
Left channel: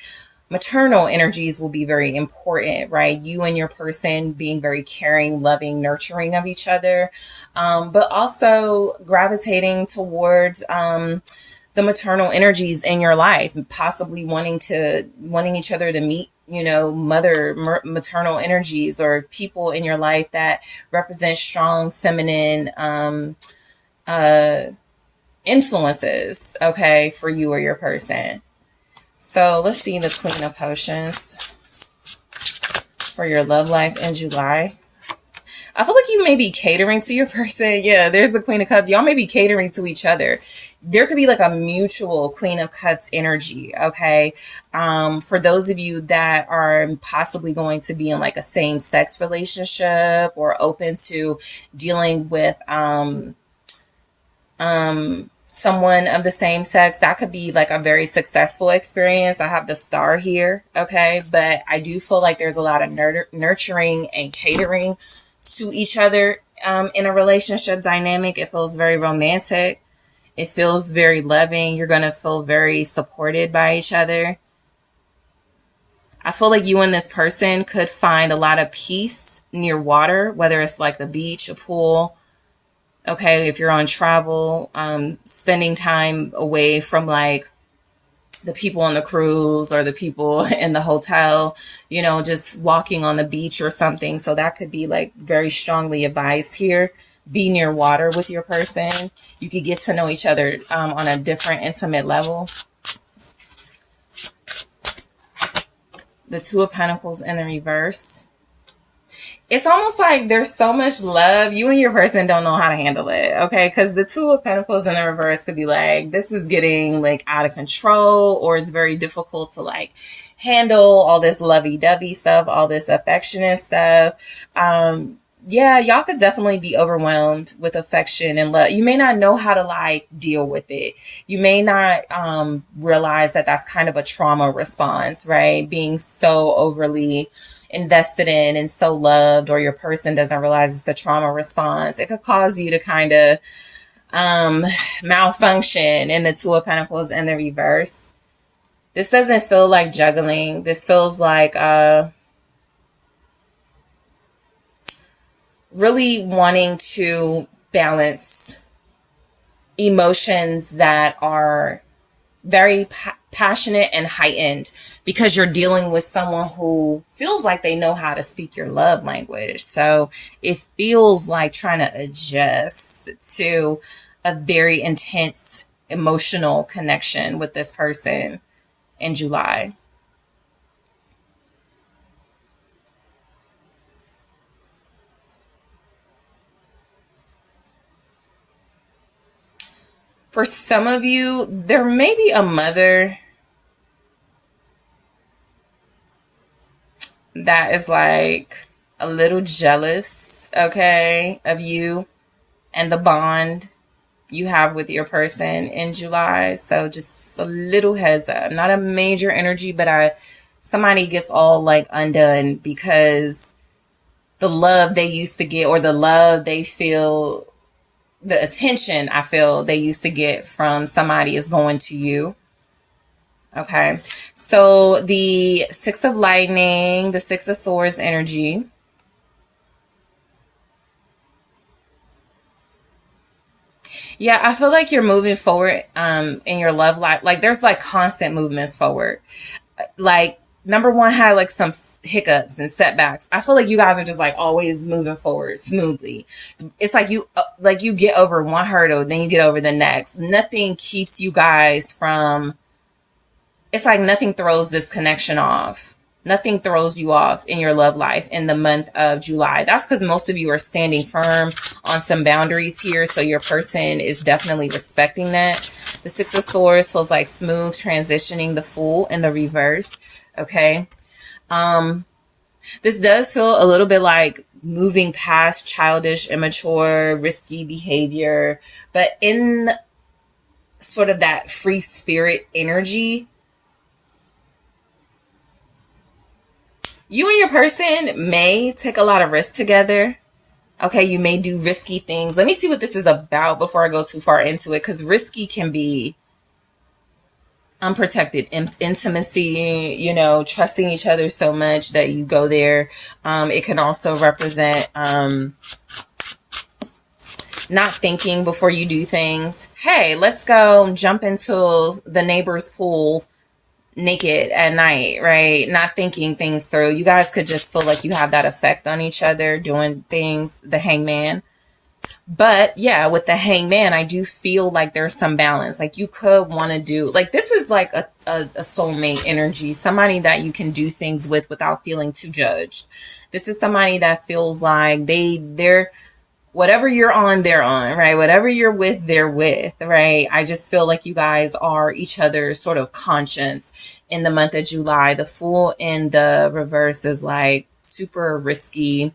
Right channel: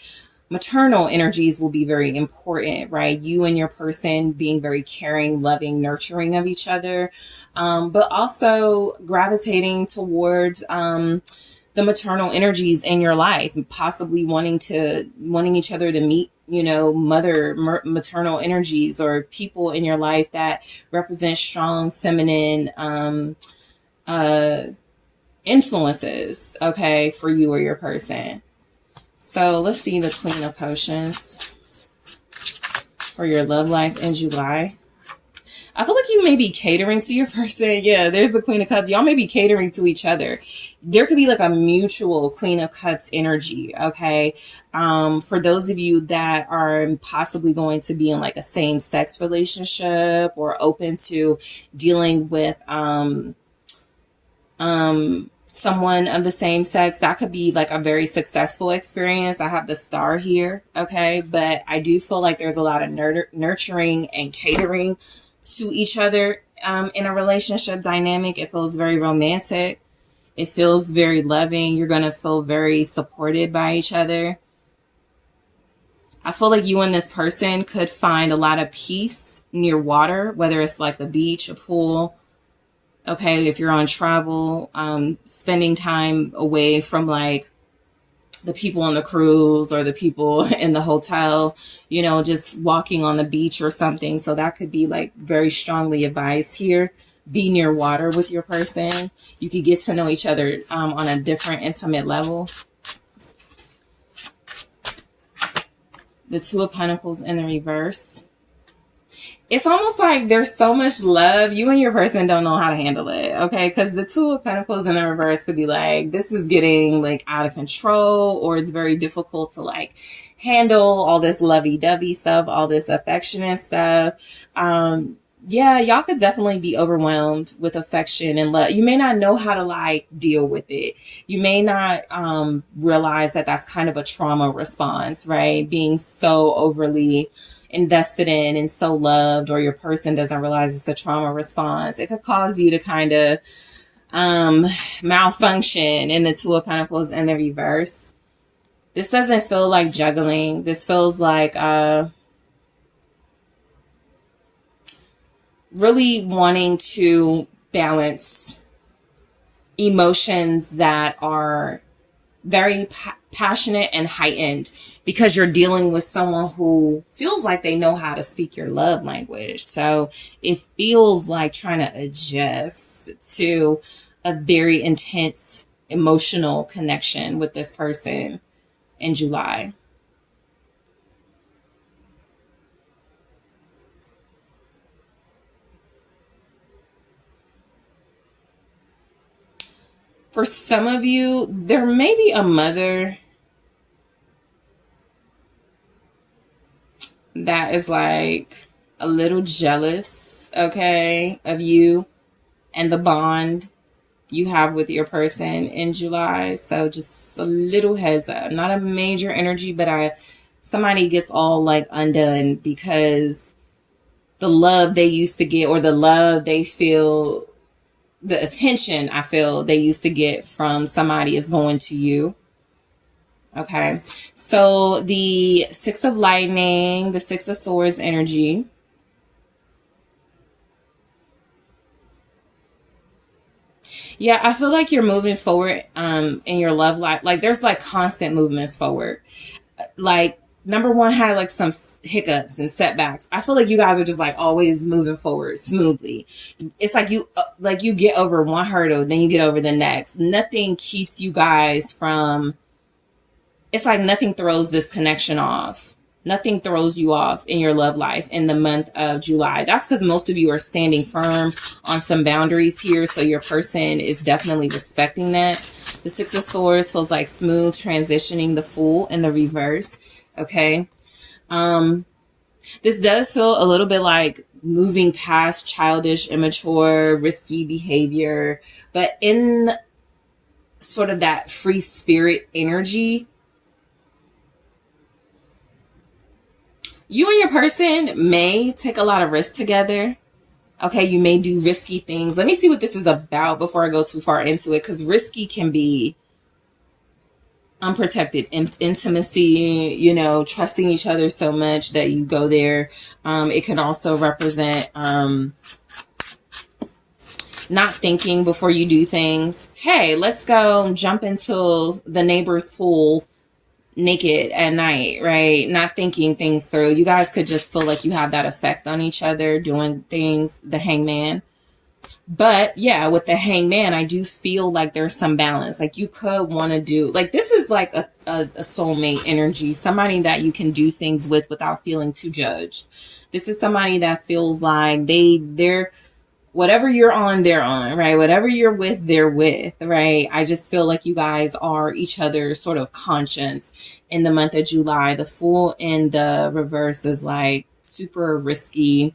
maternal energies will be very important, right? You and your person being very caring, loving, nurturing of each other, but also gravitating towards the maternal energies in your life, possibly wanting each other to meet maternal energies, or people in your life that represent strong feminine influences, okay, for you or your person. So let's see the Queen of Potions for your love life in July. I feel like you may be catering to your person. Yeah, there's the Queen of Cups. Y'all may be catering to each other. There could be like a mutual Queen of Cups energy, okay? For those of you that are possibly going to be in like a same-sex relationship, or open to dealing with someone of the same sex, that could be like a very successful experience. I have the Star here, okay? But I do feel like there's a lot of nurturing and catering to each other in a relationship dynamic. It feels very romantic. It feels very loving. You're going to feel very supported by each other. I feel like you and this person could find a lot of peace near water, whether it's like the beach, a pool. Okay, if you're on travel, spending time away from like the people on the cruise or the people in the hotel, just walking on the beach or something. So that could be like very strongly advised here. Be near water with your person. You could get to know each other on a different intimate level. The Two of Pentacles in the reverse. It's almost like there's so much love. You and your person don't know how to handle it, okay? Because the Two of Pentacles in the reverse could be like, this is getting like out of control, or it's very difficult to like handle all this lovey-dovey stuff, all this affectionate stuff. Yeah, y'all could definitely be overwhelmed with affection and love. You may not know how to like deal with it. You may not realize that that's kind of a trauma response, right? Being so overly invested in and so loved, or your person doesn't realize it's a trauma response. It could cause you to kind of malfunction in the Two of Pentacles in the reverse. This doesn't feel like juggling. This feels like really wanting to balance emotions that are very passionate and heightened, because you're dealing with someone who feels like they know how to speak your love language. So it feels like trying to adjust to a very intense emotional connection with this person in July. For some of you, there may be a mother that is like a little jealous, okay, of you and the bond you have with your person in July. So just a little heads up. Not a major energy, but somebody gets all like undone because the love they used to get, or the love they feel, the attention I feel they used to get from somebody is going to you. Okay. So the Six of Lightning, the Six of Swords energy. Yeah, I feel like you're moving forward in your love life. Like there's like constant movements forward. Like number one had like some hiccups and setbacks. I feel like you guys are just like always moving forward smoothly. It's like you get over one hurdle, then you get over the next. Nothing keeps you guys from, it's like nothing throws this connection off. Nothing throws you off in your love life in the month of July. That's because most of you are standing firm on some boundaries here. So your person is definitely respecting that. The Six of Swords feels like smooth transitioning, the Fool in the reverse. Okay. This does feel a little bit like moving past childish, immature, risky behavior, but in sort of that free spirit energy. You and your person may take a lot of risk together. Okay, you may do risky things. Let me see what this is about before I go too far into it, because risky can be unprotected intimacy, trusting each other so much that you go there. It can also represent not thinking before you do things. Hey, let's go jump into the neighbor's pool, naked at night, right? Not thinking things through. You guys could just feel like you have that effect on each other doing things, the hangman. But yeah, with the hangman, I do feel like there's some balance. Like you could want to do, like this is like a soulmate energy, somebody that you can do things with without feeling too judged. This is somebody that feels like they're, whatever you're on, they're on, right? Whatever you're with, they're with, right? I just feel like you guys are each other's sort of conscience in the month of July. The Fool in the reverse is like super risky.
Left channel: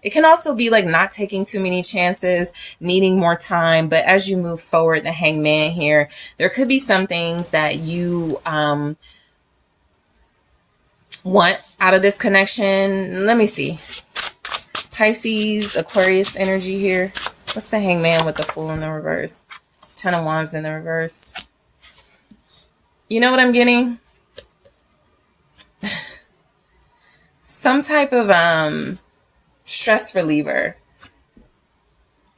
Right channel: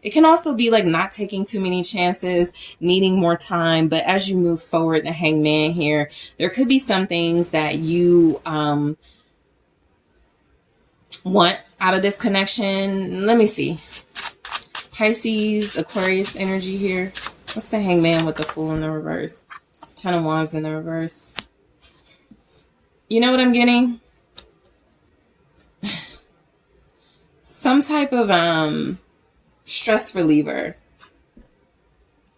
It can also be like not taking too many chances, needing more time. But as you move forward, the hangman here, there could be some things that you want out of this connection. Let me see. Pisces, Aquarius energy here. What's the hangman with the Fool in the reverse? Ten of Wands in the reverse. You know what I'm getting? Some type of stress reliever.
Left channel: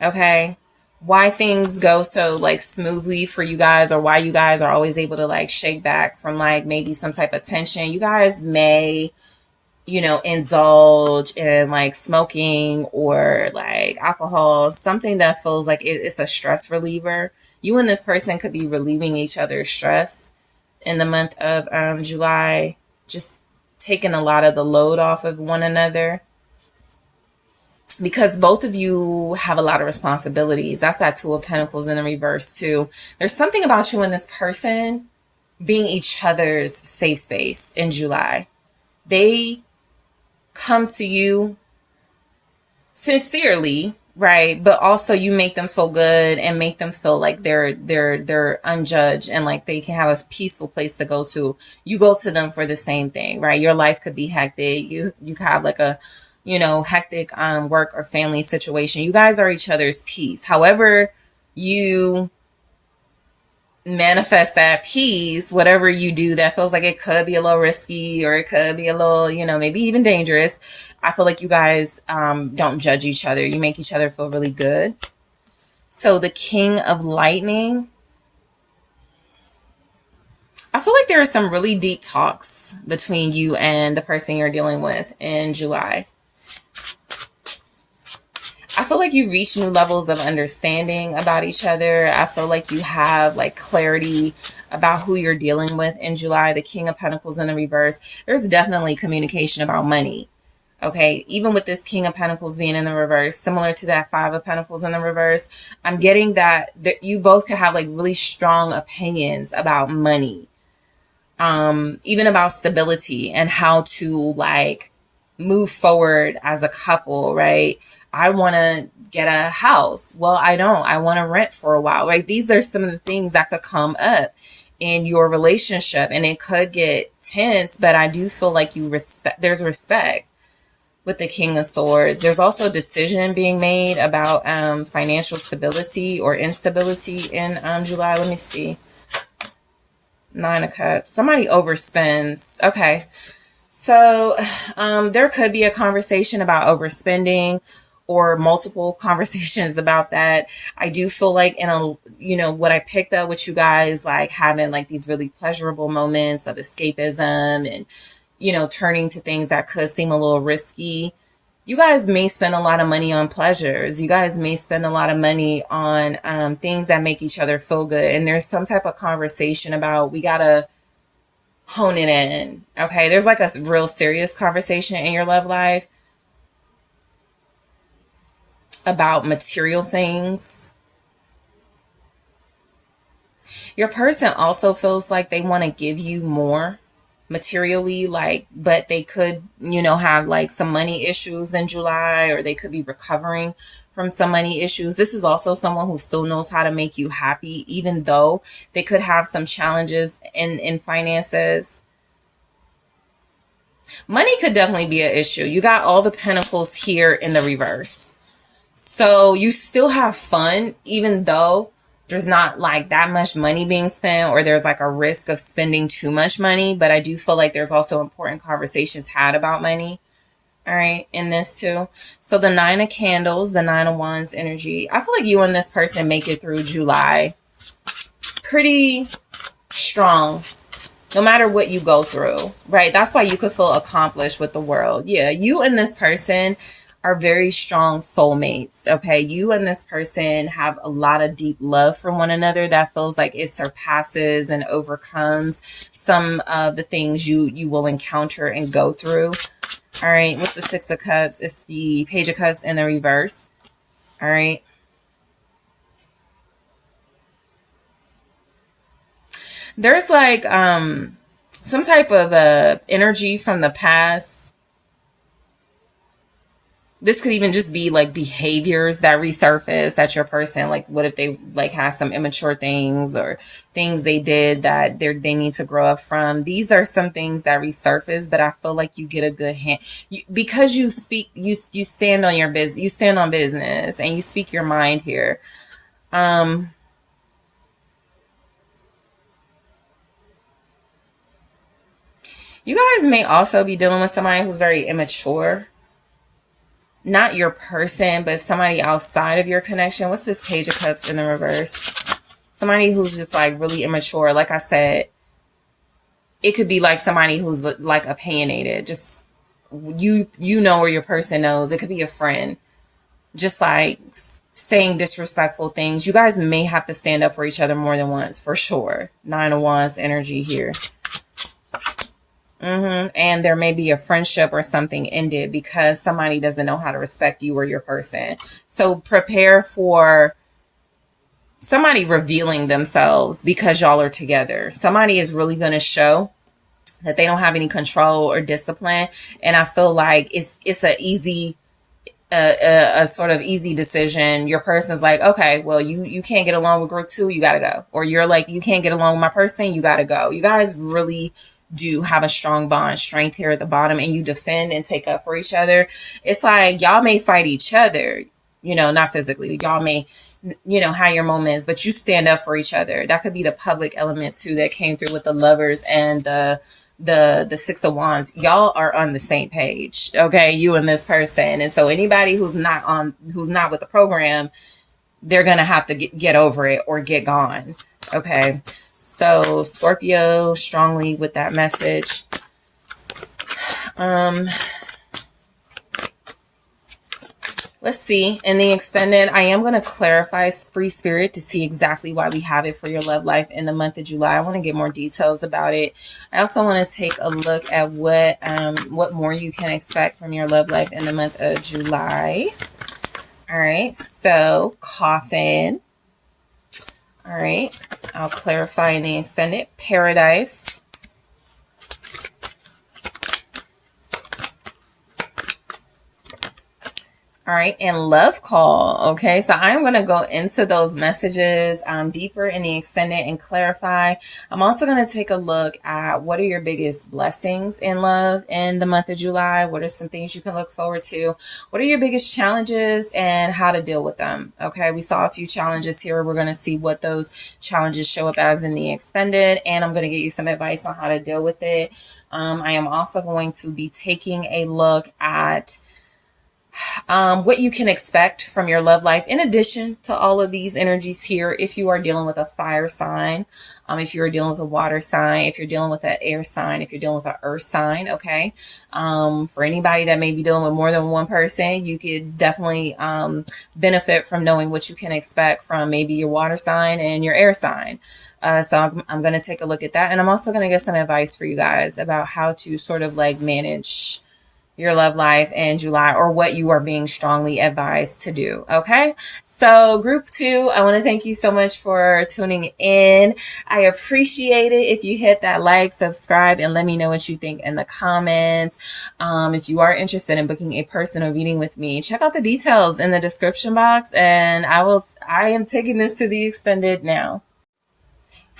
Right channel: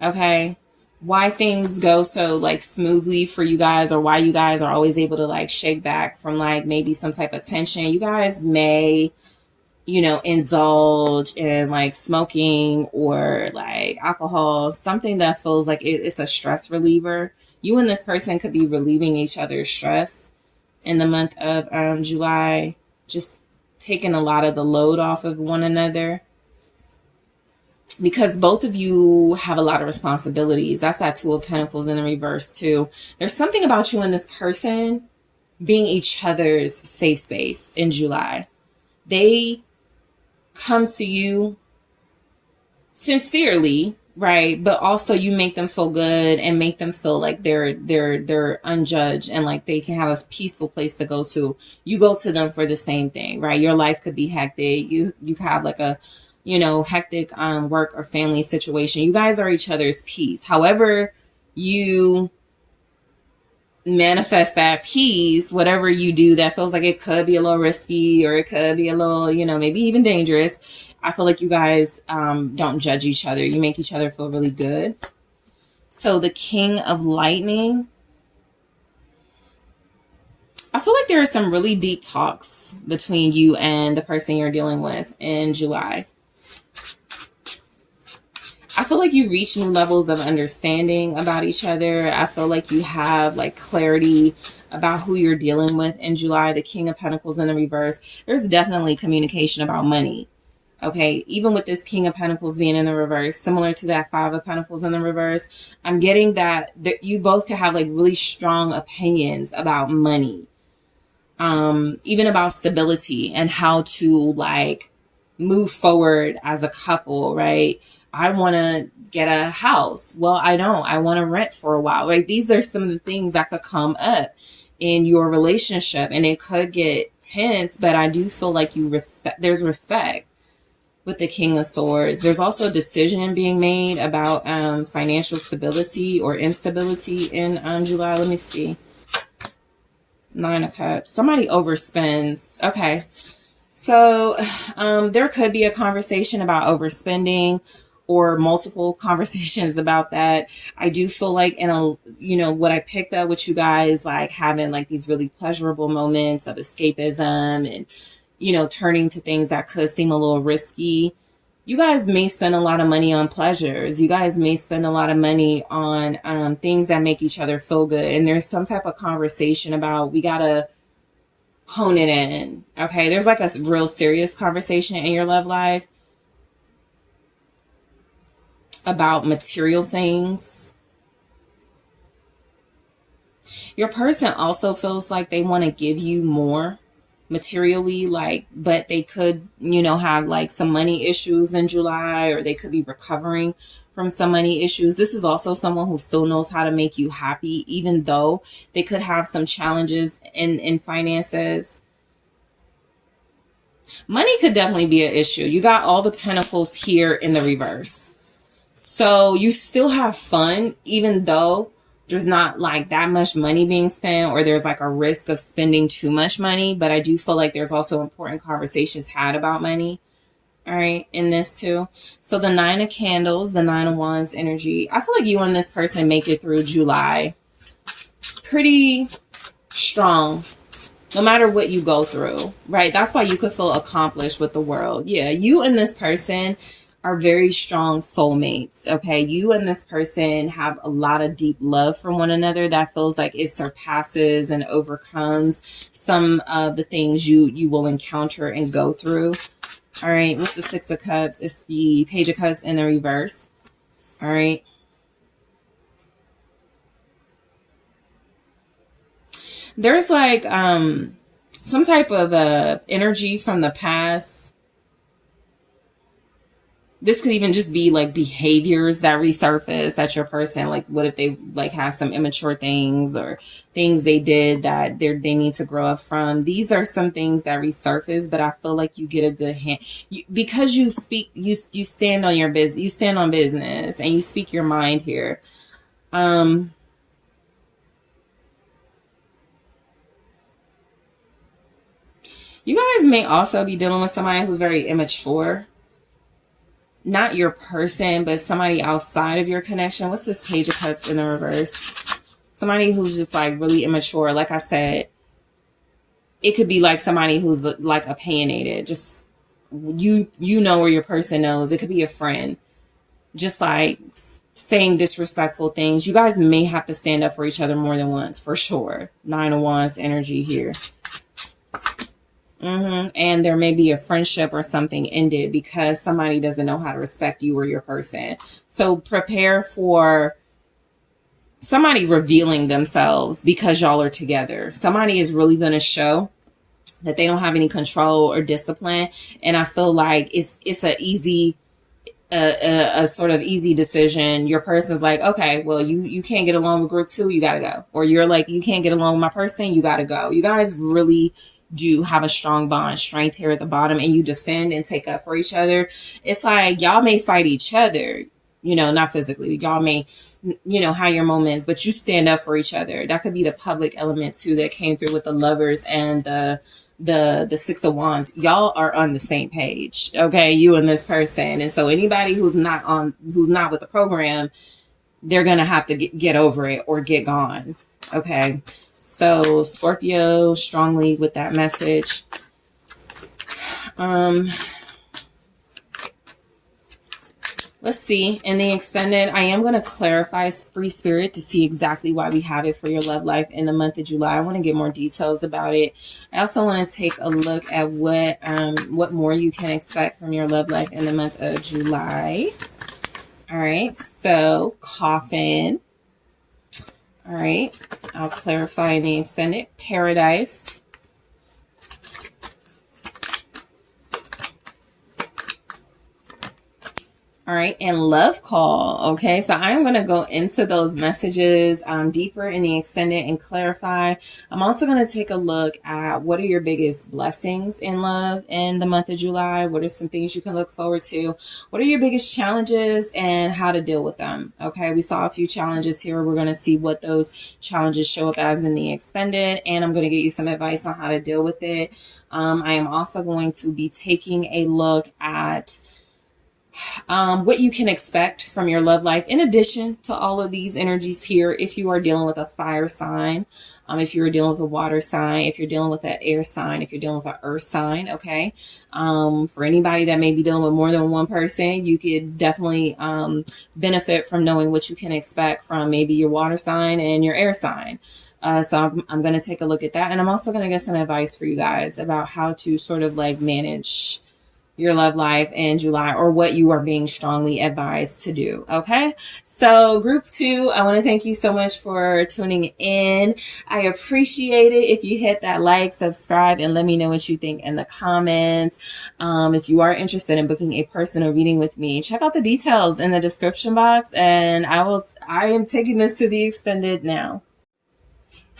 Okay, why things go so like smoothly for you guys, or why you guys are always able to like shake back from like maybe some type of tension. You guys may, you know, indulge in like smoking or like alcohol, something that feels like it's a stress reliever. You and this person could be relieving each other's stress in the month of July, just taking a lot of the load off of one another. Because both of you have a lot of responsibilities. That's that Two of Pentacles in the reverse too. There's something about you and this person being each other's safe space in July. They come to you sincerely, right? But also you make them feel good and make them feel like they're unjudged and like they can have a peaceful place to go to. You go to them for the same thing, right? Your life could be hectic. You could have like a, you know, hectic work or family situation. You guys are each other's peace. However you manifest that peace, whatever you do that feels like it could be a little risky or it could be a little, you know, maybe even dangerous. I feel like you guys don't judge each other. You make each other feel really good. So the King of Lightning, I feel like there are some really deep talks between you and the person you're dealing with in July. I feel like you reach new levels of understanding about each other. I feel like you have like clarity about who you're dealing with in July. The King of Pentacles in the reverse. There's definitely communication about money. Okay, even with this King of Pentacles being in the reverse, similar to that Five of Pentacles in the reverse, I'm getting that you both could have like really strong opinions about money. Even about stability and how to like move forward as a couple, right? I want to get a house. Well, I don't. I want to rent for a while, right? These are some of the things that could come up in your relationship, and it could get tense, but I do feel like there's respect with the King of Swords. There's also a decision being made about financial stability or instability in July. Let me see. Nine of Cups. Somebody overspends. Okay. So there could be a conversation about overspending or multiple conversations about that. I do feel like what I picked up with you guys, like having like these really pleasurable moments of escapism and, you know, turning to things that could seem a little risky. You guys may spend a lot of money on pleasures. You guys may spend a lot of money on things that make each other feel good. And there's some type of conversation about we got to hone it in. Okay, there's like a real serious conversation in your love life about material things. Your person also feels like they want to give you more materially, like, but they could, you know, have like some money issues in July, or they could be recovering from some money issues. This is also someone who still knows how to make you happy, even though they could have some challenges in finances. Money could definitely be an issue. You got all the pentacles here in the reverse. So you still have fun, even though there's not like that much money being spent, or there's like a risk of spending too much money. But I do feel like there's also important conversations had about money. All right, in this too. So the Nine of Candles, the Nine of Wands energy. I feel like you and this person make it through July pretty strong. no matter what you go through, right? That's why you could feel accomplished with the world. Yeah, you and this person are very strong soulmates, okay? You and this person have a lot of deep love for one another that feels like it surpasses and overcomes some of the things you will encounter and go through. All right, what's the Six of Cups? It's the Page of Cups in the reverse. All right. There's like some type of energy from the past. This could even just be like behaviors that resurface that your person, like what if they like have some immature things or things they did that they need to grow up from. These are some things that resurface, but I feel like you get a good hand because you speak, you stand on your business, you stand on business and you speak your mind here. You guys may also be dealing with somebody who's very immature. Not your person, but somebody outside of your connection. What's this Page of Cups in the reverse? Somebody who's just like really immature. Like I said, it could be like somebody who's like opinionated. Just you know, or your person knows. It could be a friend. Just like saying disrespectful things. You guys may have to stand up for each other more than once, for sure. Nine of Wands energy here. And there may be a friendship or something ended because somebody doesn't know how to respect you or your person. So prepare for somebody revealing themselves because y'all are together. Somebody is really going to show that they don't have any control or discipline. And I feel like it's a easy, a sort of easy decision. Your person's like, okay, well, you can't get along with group 2, you got to go. Or you're like, you can't get along with my person, you got to go. You guys really do have a strong bond, strength here at the bottom, and you defend and take up for each other. It's like y'all may fight each other, you know, not physically. Y'all may, you know, have your moments, but you stand up for each other. That could be the public element too that came through with the Lovers and the Six of Wands. Y'all are on the same page, okay? You and this person. And so anybody who's not with the program, they're gonna have to get over it or get gone, okay? So Scorpio, strongly with that message. Let's see. In the extended, I am going to clarify free spirit to see exactly why we have it for your love life in the month of July. I want to get more details about it. I also want to take a look at what more you can expect from your love life in the month of July. All right. So Coffin. All right. I'll clarify in the extended. Paradise. All right, and love call. Okay, so I'm going to go into those messages deeper in the extended and clarify. I'm also going to take a look at what are your biggest blessings in love in the month of July. What are some things you can look forward to? What are your biggest challenges and how to deal with them? Okay, we saw a few challenges here. We're going to see what those challenges show up as in the extended, and I'm going to get you some advice on how to deal with it. I am also going to be taking a look at what you can expect from your love life in addition to all of these energies here. If you are dealing with a fire sign, if you're dealing with a water sign, if you're dealing with an air sign, if you're dealing with an earth sign, okay. For anybody that may be dealing with more than one person, you could definitely benefit from knowing what you can expect from maybe your water sign and your air sign. So I'm going to take a look at that. And I'm also going to get some advice for you guys about how to sort of like manage your love life in July, or what you are being strongly advised to do. Okay. So group 2, I want to thank you so much for tuning in. I appreciate it if you hit that like, subscribe, and let me know what you think in the comments. If you are interested in booking a personal reading with me, check out the details in the description box, and I am taking this to the extended now.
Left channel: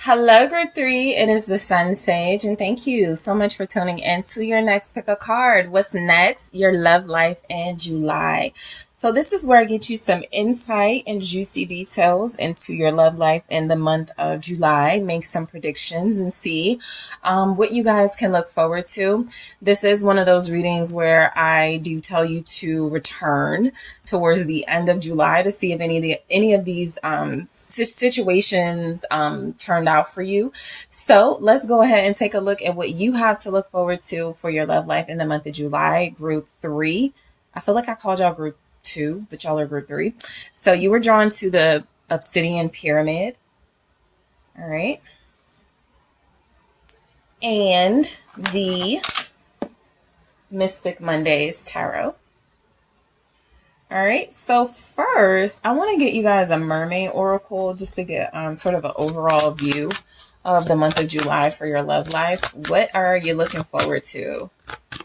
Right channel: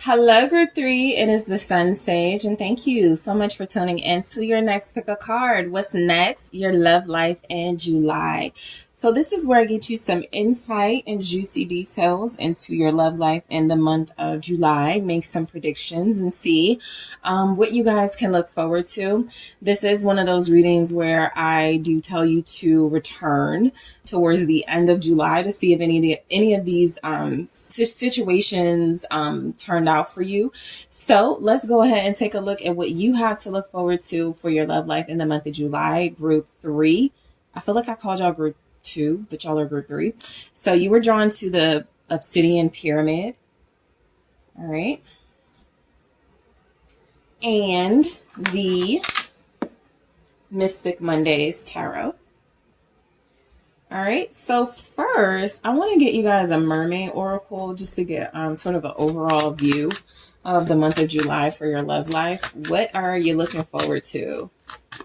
Hello, group 3. It is the SunSage, and thank you so much for tuning in to your next pick a card. What's next? Your love life in July. So this is where I get you some insight and juicy details into your love life in the month of July. Make some predictions and see what you guys can look forward to. This is one of those readings where I do tell you to return towards the end of July to see if any of these situations turned out for you. So let's go ahead and take a look at what you have to look forward to for your love life in the month of July. Group 3. I feel like I called y'all group 2, but y'all are group 3. So you were drawn to the obsidian pyramid. All right. And the Mystic Mondays Tarot. All right. So first, I want to get you guys a mermaid oracle just to get sort of an overall view of the month of July for your love life. What are you looking forward to?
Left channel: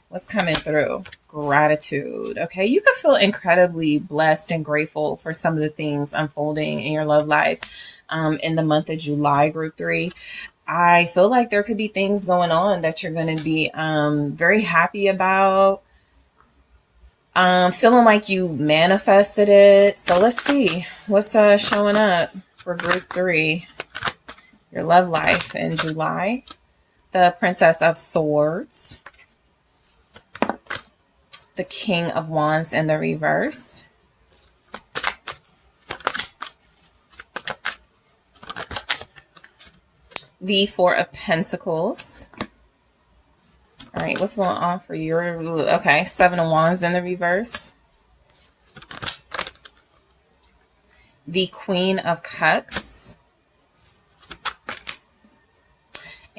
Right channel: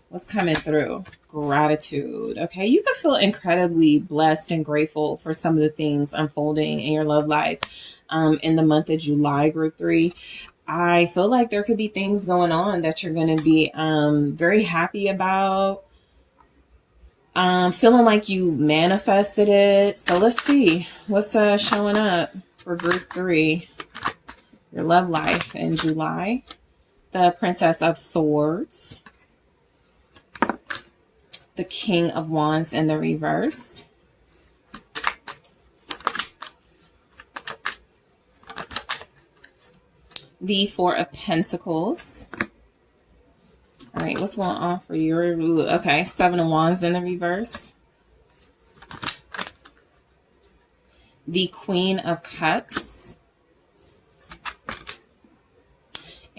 What's coming through? Gratitude. Okay, you can feel incredibly blessed and grateful for some of the things unfolding in your love life in the month of July, group 3. I feel like there could be things going on that you're going to be very happy about. Feeling like you manifested it. So let's see what's showing up for group 3, your love life in July. The Princess of Swords. The King of Wands in the reverse. The Four of Pentacles. All right, what's going on for your... Okay, Seven of Wands in the reverse. The Queen of Cups.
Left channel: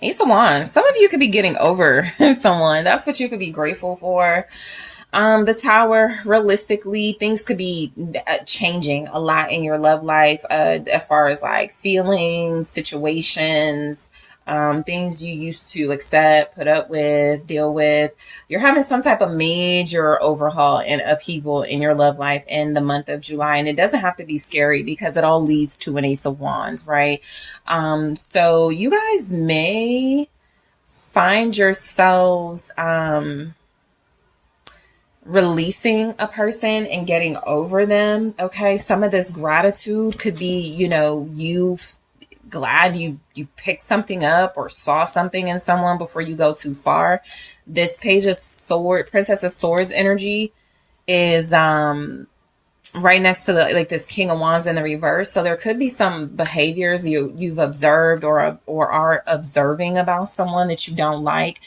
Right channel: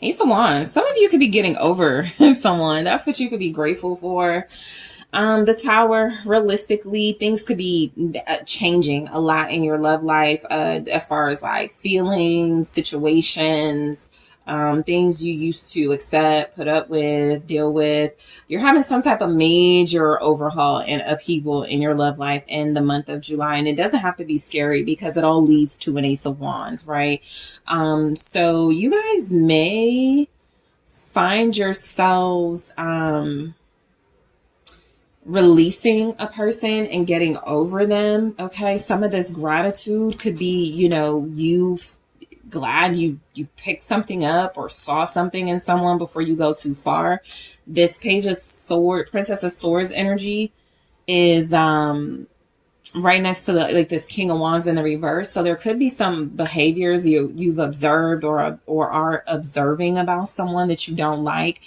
Ace of Wands. Some of you could be getting over someone. That's what you could be grateful for. The Tower, realistically, things could be changing a lot in your love life as far as like feelings, situations, things you used to accept, put up with, deal with. You're having some type of major overhaul and upheaval in your love life in the month of July. And it doesn't have to be scary because it all leads to an Ace of Wands, right? So you guys may find yourselves... releasing a person and getting over them. Okay. Some of this gratitude could be, you know, glad you picked something up or saw something in someone before you go too far. This Page of Swords, Princess of Swords energy is, right next to this King of Wands in the reverse. So there could be some behaviors you've observed or are observing about someone that you don't like.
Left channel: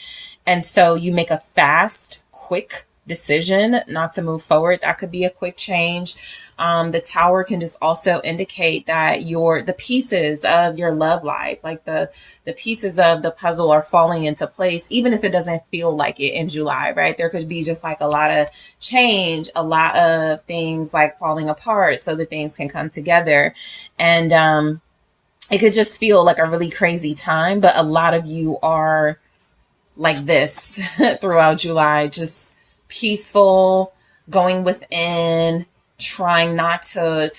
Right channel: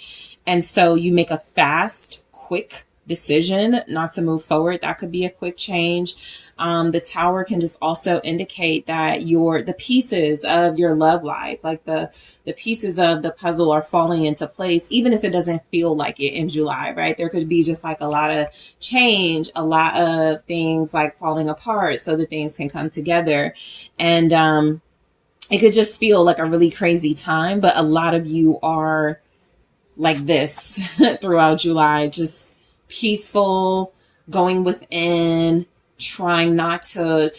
And so you make a fast, quick decision not to move forward. That could be a quick change. The Tower can just also indicate that the pieces of your love life, like the pieces of the puzzle are falling into place, even if it doesn't feel like it in July, right? There could be just like a lot of change, a lot of things like falling apart so that things can come together. And it could just feel like a really crazy time, but a lot of you are like this throughout July, just peaceful, going within, trying not to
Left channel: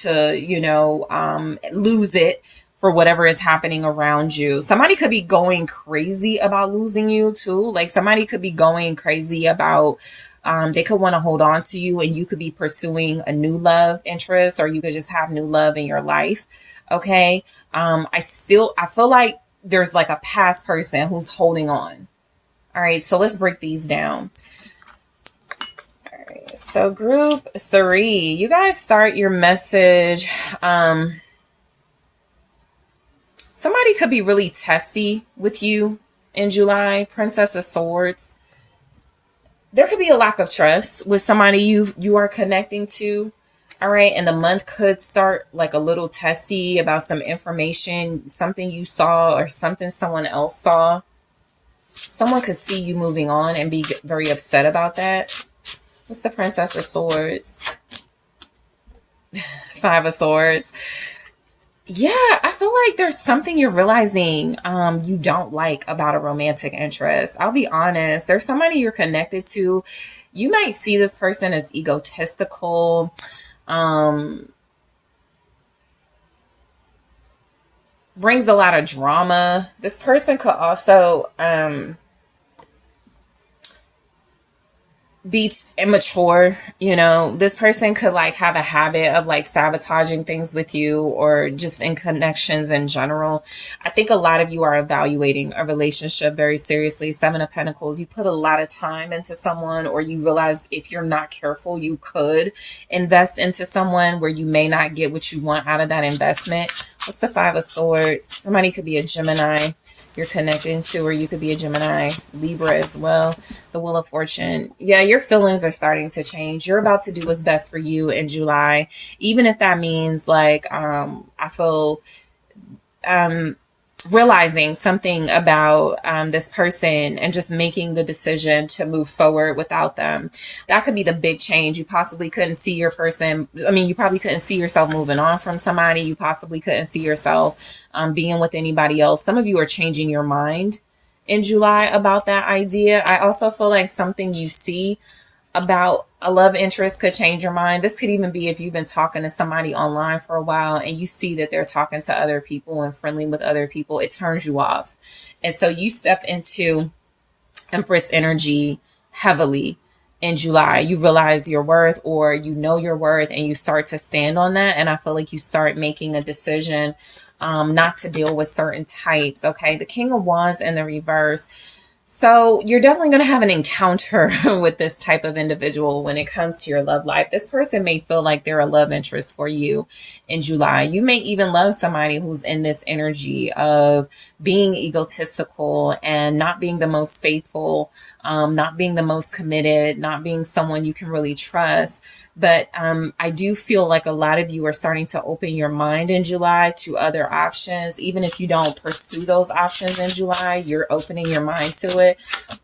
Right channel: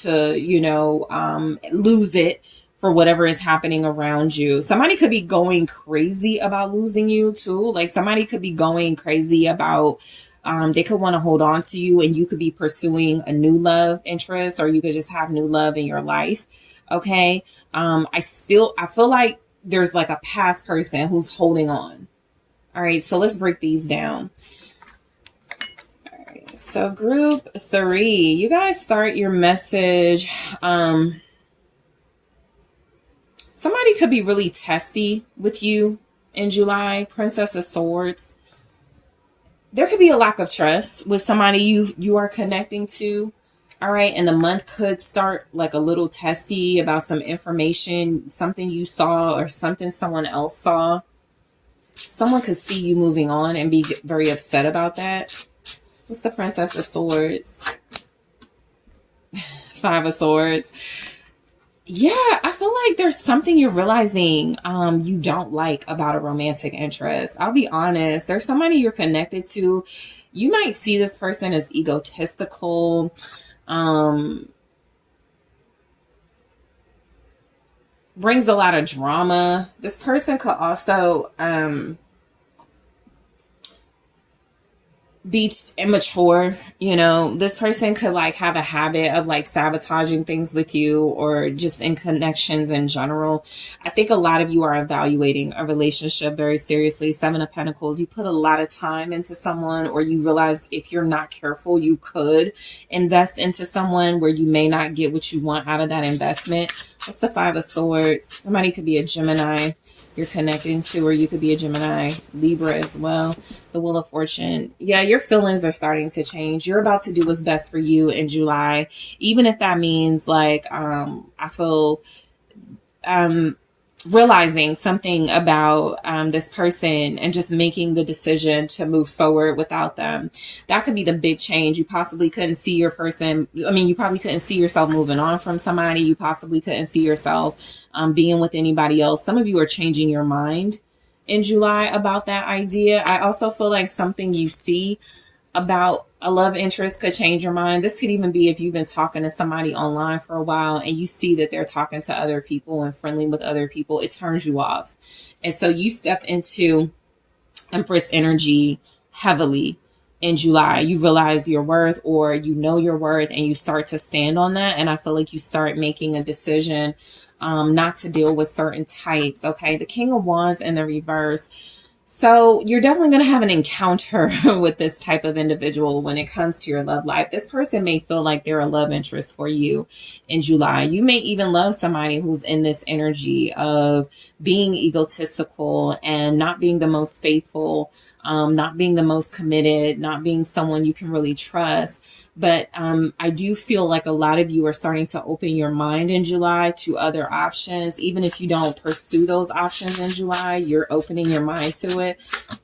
lose it for whatever is happening around you. Somebody could be going crazy about losing you too. Like somebody could be going crazy about, they could want to hold on to you and you could be pursuing a new love interest, or you could just have new love in your life. Okay. I feel like there's like a past person who's holding on. All right. So let's break these down. So group 3, you guys start your message. Somebody could be really testy with you in July. Princess of Swords. There could be a lack of trust with somebody you are connecting to. All right. And the month could start like a little testy about some information, something you saw or something someone else saw. Someone could see you moving on and be very upset about that. What's the Princess of Swords? 5 of Swords. Yeah, I feel like there's something you're realizing you don't like about a romantic interest. I'll be honest. There's somebody you're connected to. You might see this person as egotistical. Brings a lot of drama. This person could also... be immature. You know, this person could like have a habit of like sabotaging things with you, or just in connections in general. I think a lot of you are evaluating a relationship very seriously. Seven of Pentacles, you put a lot of time into someone, or you realize if you're not careful, you could invest into someone where you may not get what you want out of that investment. What's the Five of Swords? Somebody could be a Gemini you're connecting to, or you could be a Gemini, Libra as well. The Wheel of Fortune. Yeah, your feelings are starting to change. You're about to do what's best for you in July, even if that means like I feel realizing something about this person and just making the decision to move forward without them. That could be the big change. You possibly couldn't see your person. I mean, you probably couldn't see yourself moving on from somebody. You possibly couldn't see yourself being with anybody else. Some of you are changing your mind in July about that idea. I also feel like something you see about a love interest could change your mind. This could even be if you've been talking to somebody online for a while and you see that they're talking to other people and friendly with other people. It turns you off. And so you step into Empress energy heavily in July. You realize your worth, or you know your worth, and you start to stand on that. And I feel like you start making a decision not to deal with certain types. Okay. The King of Wands in the reverse. So you're definitely going to have an encounter with this type of individual when it comes to your love life. This person may feel like they're a love interest for you in July. You may even love somebody who's in this energy of being egotistical and not being the most faithful, not being the most committed, not being someone you can really trust. But I do feel like a lot of you are starting to open your mind in July to other options. Even if you don't pursue those options in July, you're opening your mind to it.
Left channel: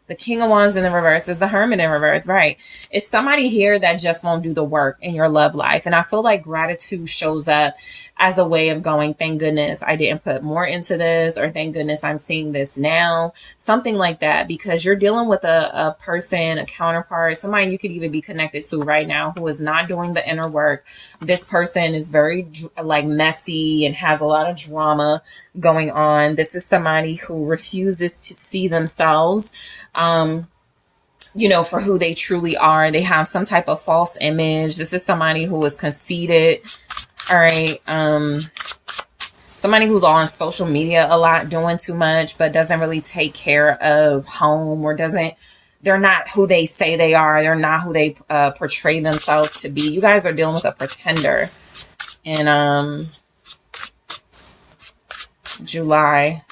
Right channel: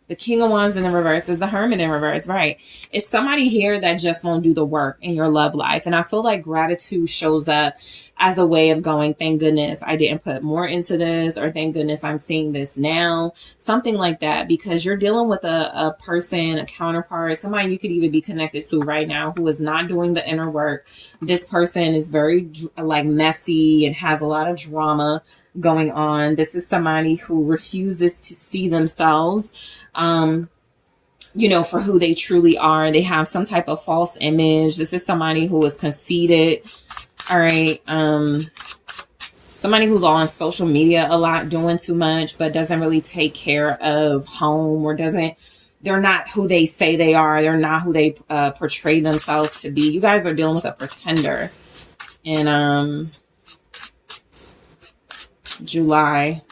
The King of Wands in the reverse is the Hermit in reverse, right? It's somebody here that just won't do the work in your love life. And I feel like gratitude shows up as a way of going, thank goodness I didn't put more into this, or thank goodness I'm seeing this now. Something like that, because you're dealing with a person, a counterpart, somebody you could even be connected to right now who is not doing the inner work. This person is very like messy and has a lot of drama going on. This is somebody who refuses to see themselves you know, for who they truly are. They have some type of false image. This is somebody who is conceited. All right. Somebody who's on social media a lot, doing too much, but doesn't really take care of home, or they're not who they say they are. They're not who they portray themselves to be. You guys are dealing with a pretender in July.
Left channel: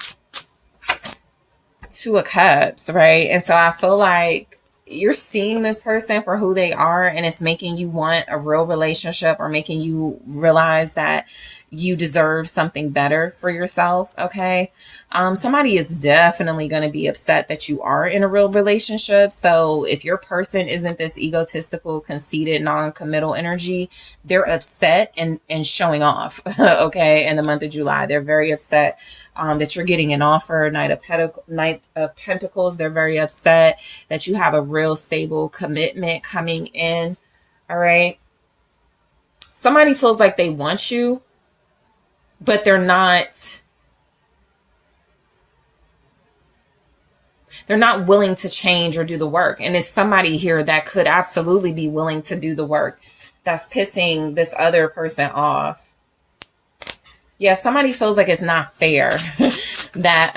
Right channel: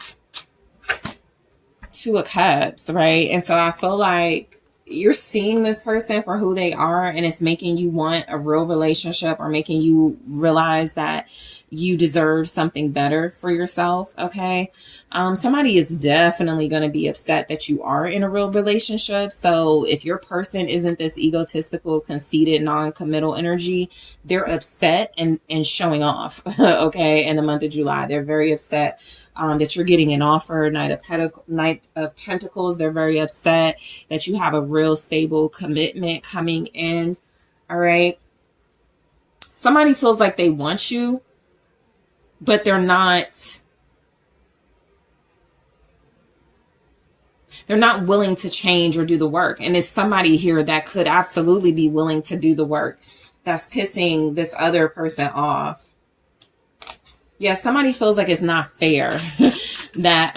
Two of Cups, right? And so I feel like you're seeing this person for who they are, and it's making you want a real relationship, or making you realize that you deserve something better for yourself. Okay. Somebody is definitely going to be upset that you are in a real relationship. So if your person isn't this egotistical, conceited, non-committal energy, they're upset and showing off. Okay. In the month of July, they're very upset that you're getting an offer. Knight of Pentacles. They're very upset that you have a real stable commitment coming in. All right. Somebody feels like they want you, but they're not willing to change or do the work. And it's somebody here that could absolutely be willing to do the work that's pissing this other person off. Yeah, somebody feels like it's not fair that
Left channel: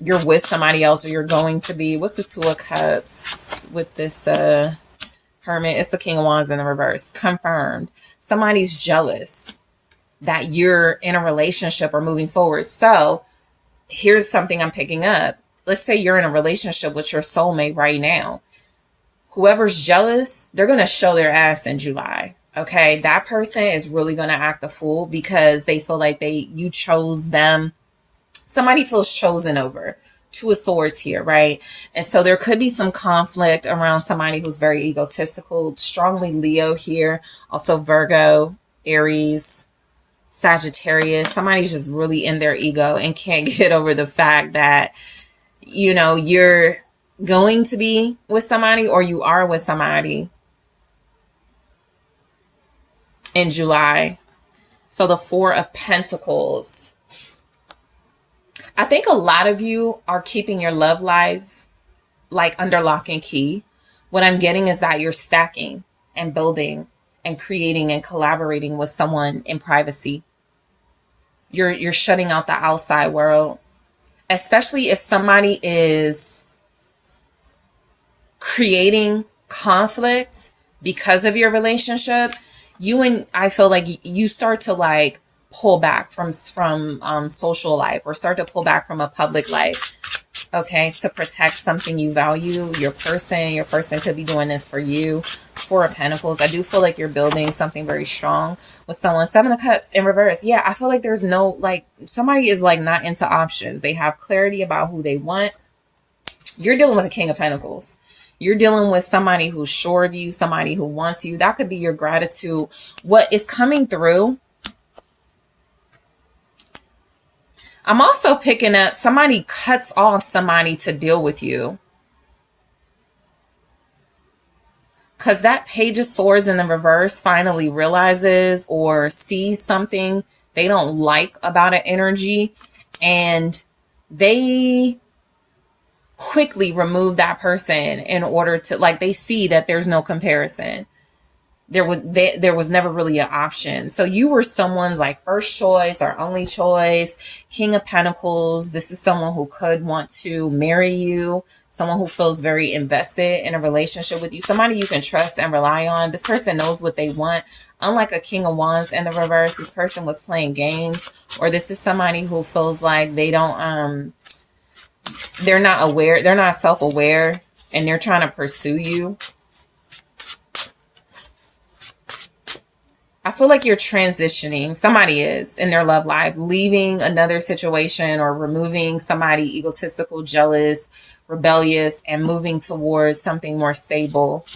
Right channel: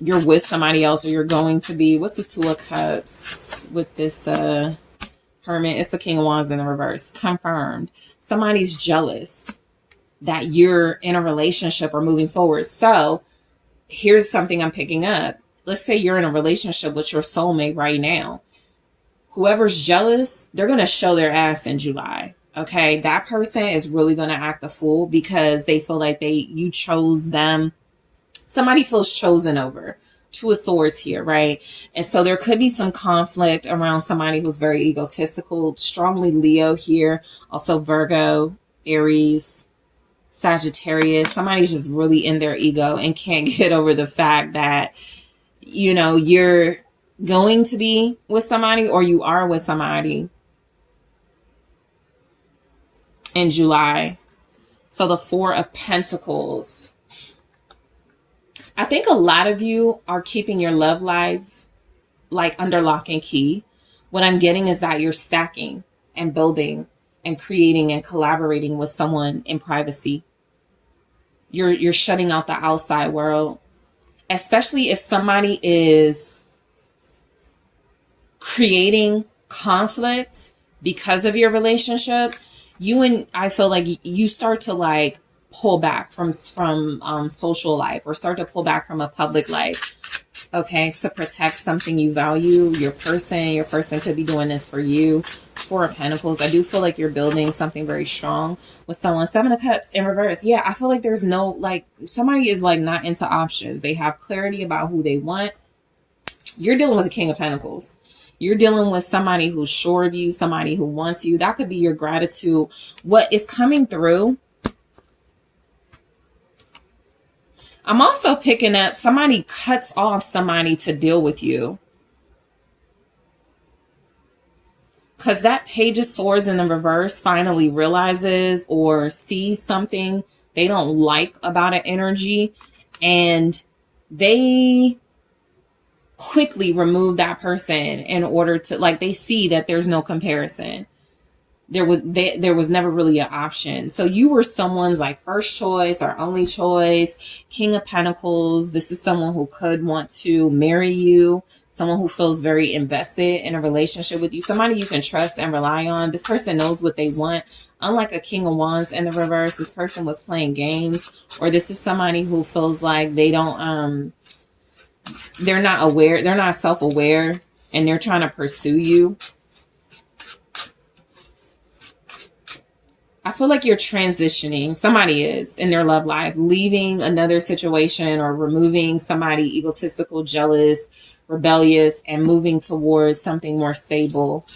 you're with somebody else, or you're going to be. What's the Two of Cups with this Hermit? It's the King of Wands in the reverse. Confirmed. Somebody's jealous that you're in a relationship or moving forward. So here's something I'm picking up. Let's say you're in a relationship with your soulmate right now. Whoever's jealous, they're going to show their ass in July. Okay. That person is really going to act a fool because they feel like you chose them. Somebody feels chosen over. Two of Swords here, right? And so there could be some conflict around somebody who's very egotistical, strongly Leo here. Also Virgo, Aries, Sagittarius. Somebody's just really in their ego and can't get over the fact that, you know, you're going to be with somebody, or you are with somebody in July. So the Four of Pentacles. I think a lot of you are keeping your love life like under lock and key. What I'm getting is that you're stacking and building and creating and collaborating with someone in privacy. You're shutting out the outside world, especially if somebody is creating conflict because of your relationship. I feel like you start to like pull back from social life, or start to pull back from a public life. Okay, to protect something you value, your person. Your person could be doing this for you. Four of Pentacles. I do feel like you're building something very strong with someone. Seven of Cups in reverse. Yeah, I feel like there's no, like, somebody is like not into options. They have clarity about who they want. You're dealing with a King of Pentacles. You're dealing with somebody who's sure of you, somebody who wants you. That could be your gratitude. What is coming through, I'm also picking up somebody cuts off somebody to deal with you. Because that Page of Swords in the reverse finally realizes or sees something they don't like about an energy, and they quickly remove that person in order to, like, they see that there's no comparison. There was never really an option. So you were someone's like first choice or only choice. King of Pentacles. This is someone who could want to marry you. Someone who feels very invested in a relationship with you. Somebody you can trust and rely on. This person knows what they want. Unlike a King of Wands in the reverse, this person was playing games. Or this is somebody who feels like they don't, they're not aware. They're not self-aware. And they're trying to pursue you. I feel like you're transitioning. Somebody is in their love life, leaving another situation or removing somebody egotistical, jealous, rebellious, and moving towards something more stable.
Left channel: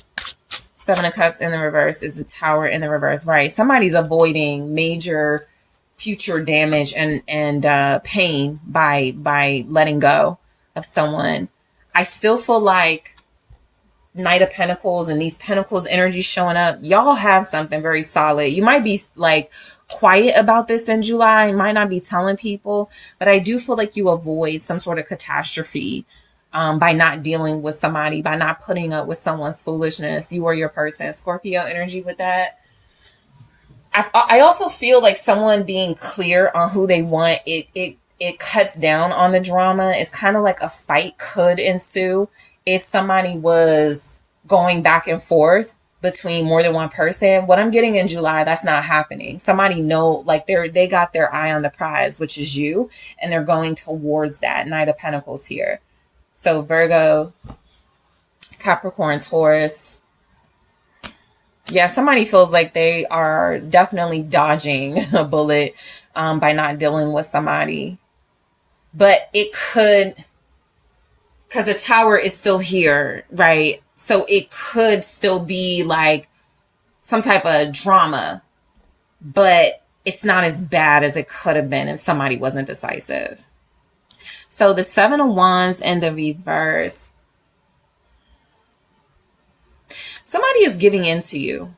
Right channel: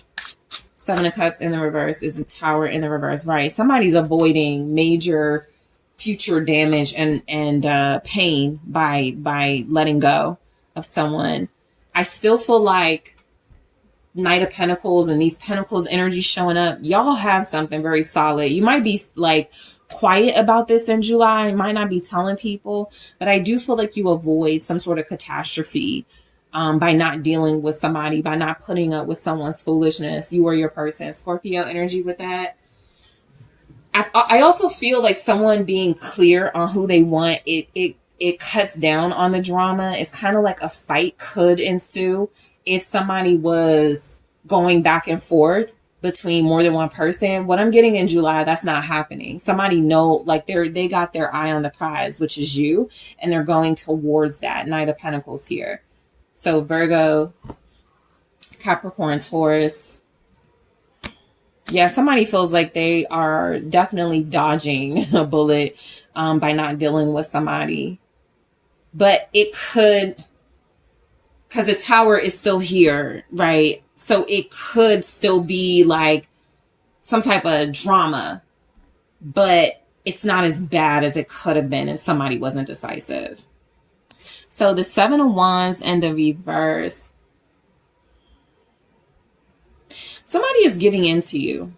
Seven of Cups in the reverse is the Tower in the reverse, right? Somebody's avoiding major future damage and pain by letting go of someone. I still feel like Knight of Pentacles and these Pentacles energy showing up, y'all have something very solid. You might be like quiet about this in July. You might not be telling people, but I do feel like you avoid some sort of catastrophe by not dealing with somebody, by not putting up with someone's foolishness. You are your person. Scorpio energy with that. I also feel like someone being clear on who they want, it cuts down on the drama. It's kind of like a fight could ensue if somebody was going back and forth between more than one person. What I'm getting in July, that's not happening. Somebody like they got their eye on the prize, which is you, and they're going towards that. Knight of Pentacles here. So Virgo, Capricorn, Taurus. Yeah, somebody feels like they are definitely dodging a bullet by not dealing with somebody. But it could, because the Tower is still here, right? So it could still be like some type of drama, but it's not as bad as it could have been if somebody wasn't decisive. So the Seven of Wands and the reverse. Somebody is giving in to you.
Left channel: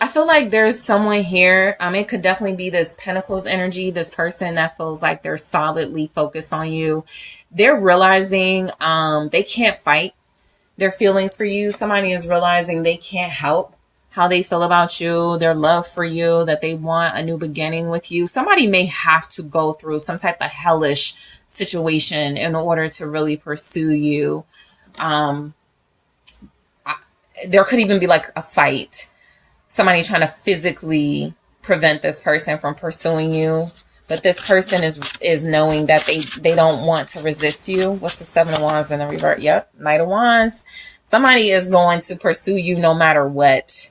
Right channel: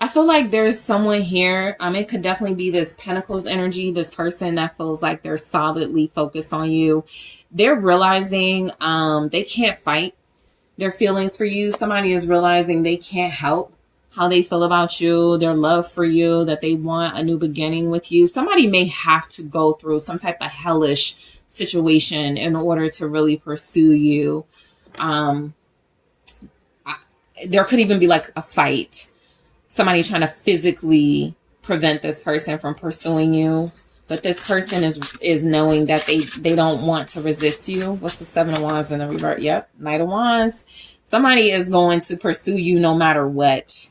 I feel like there's someone here. It could definitely be this Pentacles energy, this person that feels like they're solidly focused on you. They're realizing they can't fight their feelings for you. Somebody is realizing they can't help how they feel about you, their love for you, that they want a new beginning with you. Somebody may have to go through some type of hellish situation in order to really pursue you. There could even be like a fight. Somebody trying to physically prevent this person from pursuing you. But this person is knowing that they don't want to resist you. What's the Seven of Wands in the reverse? Yep, Knight of Wands. Somebody is going to pursue you no matter what.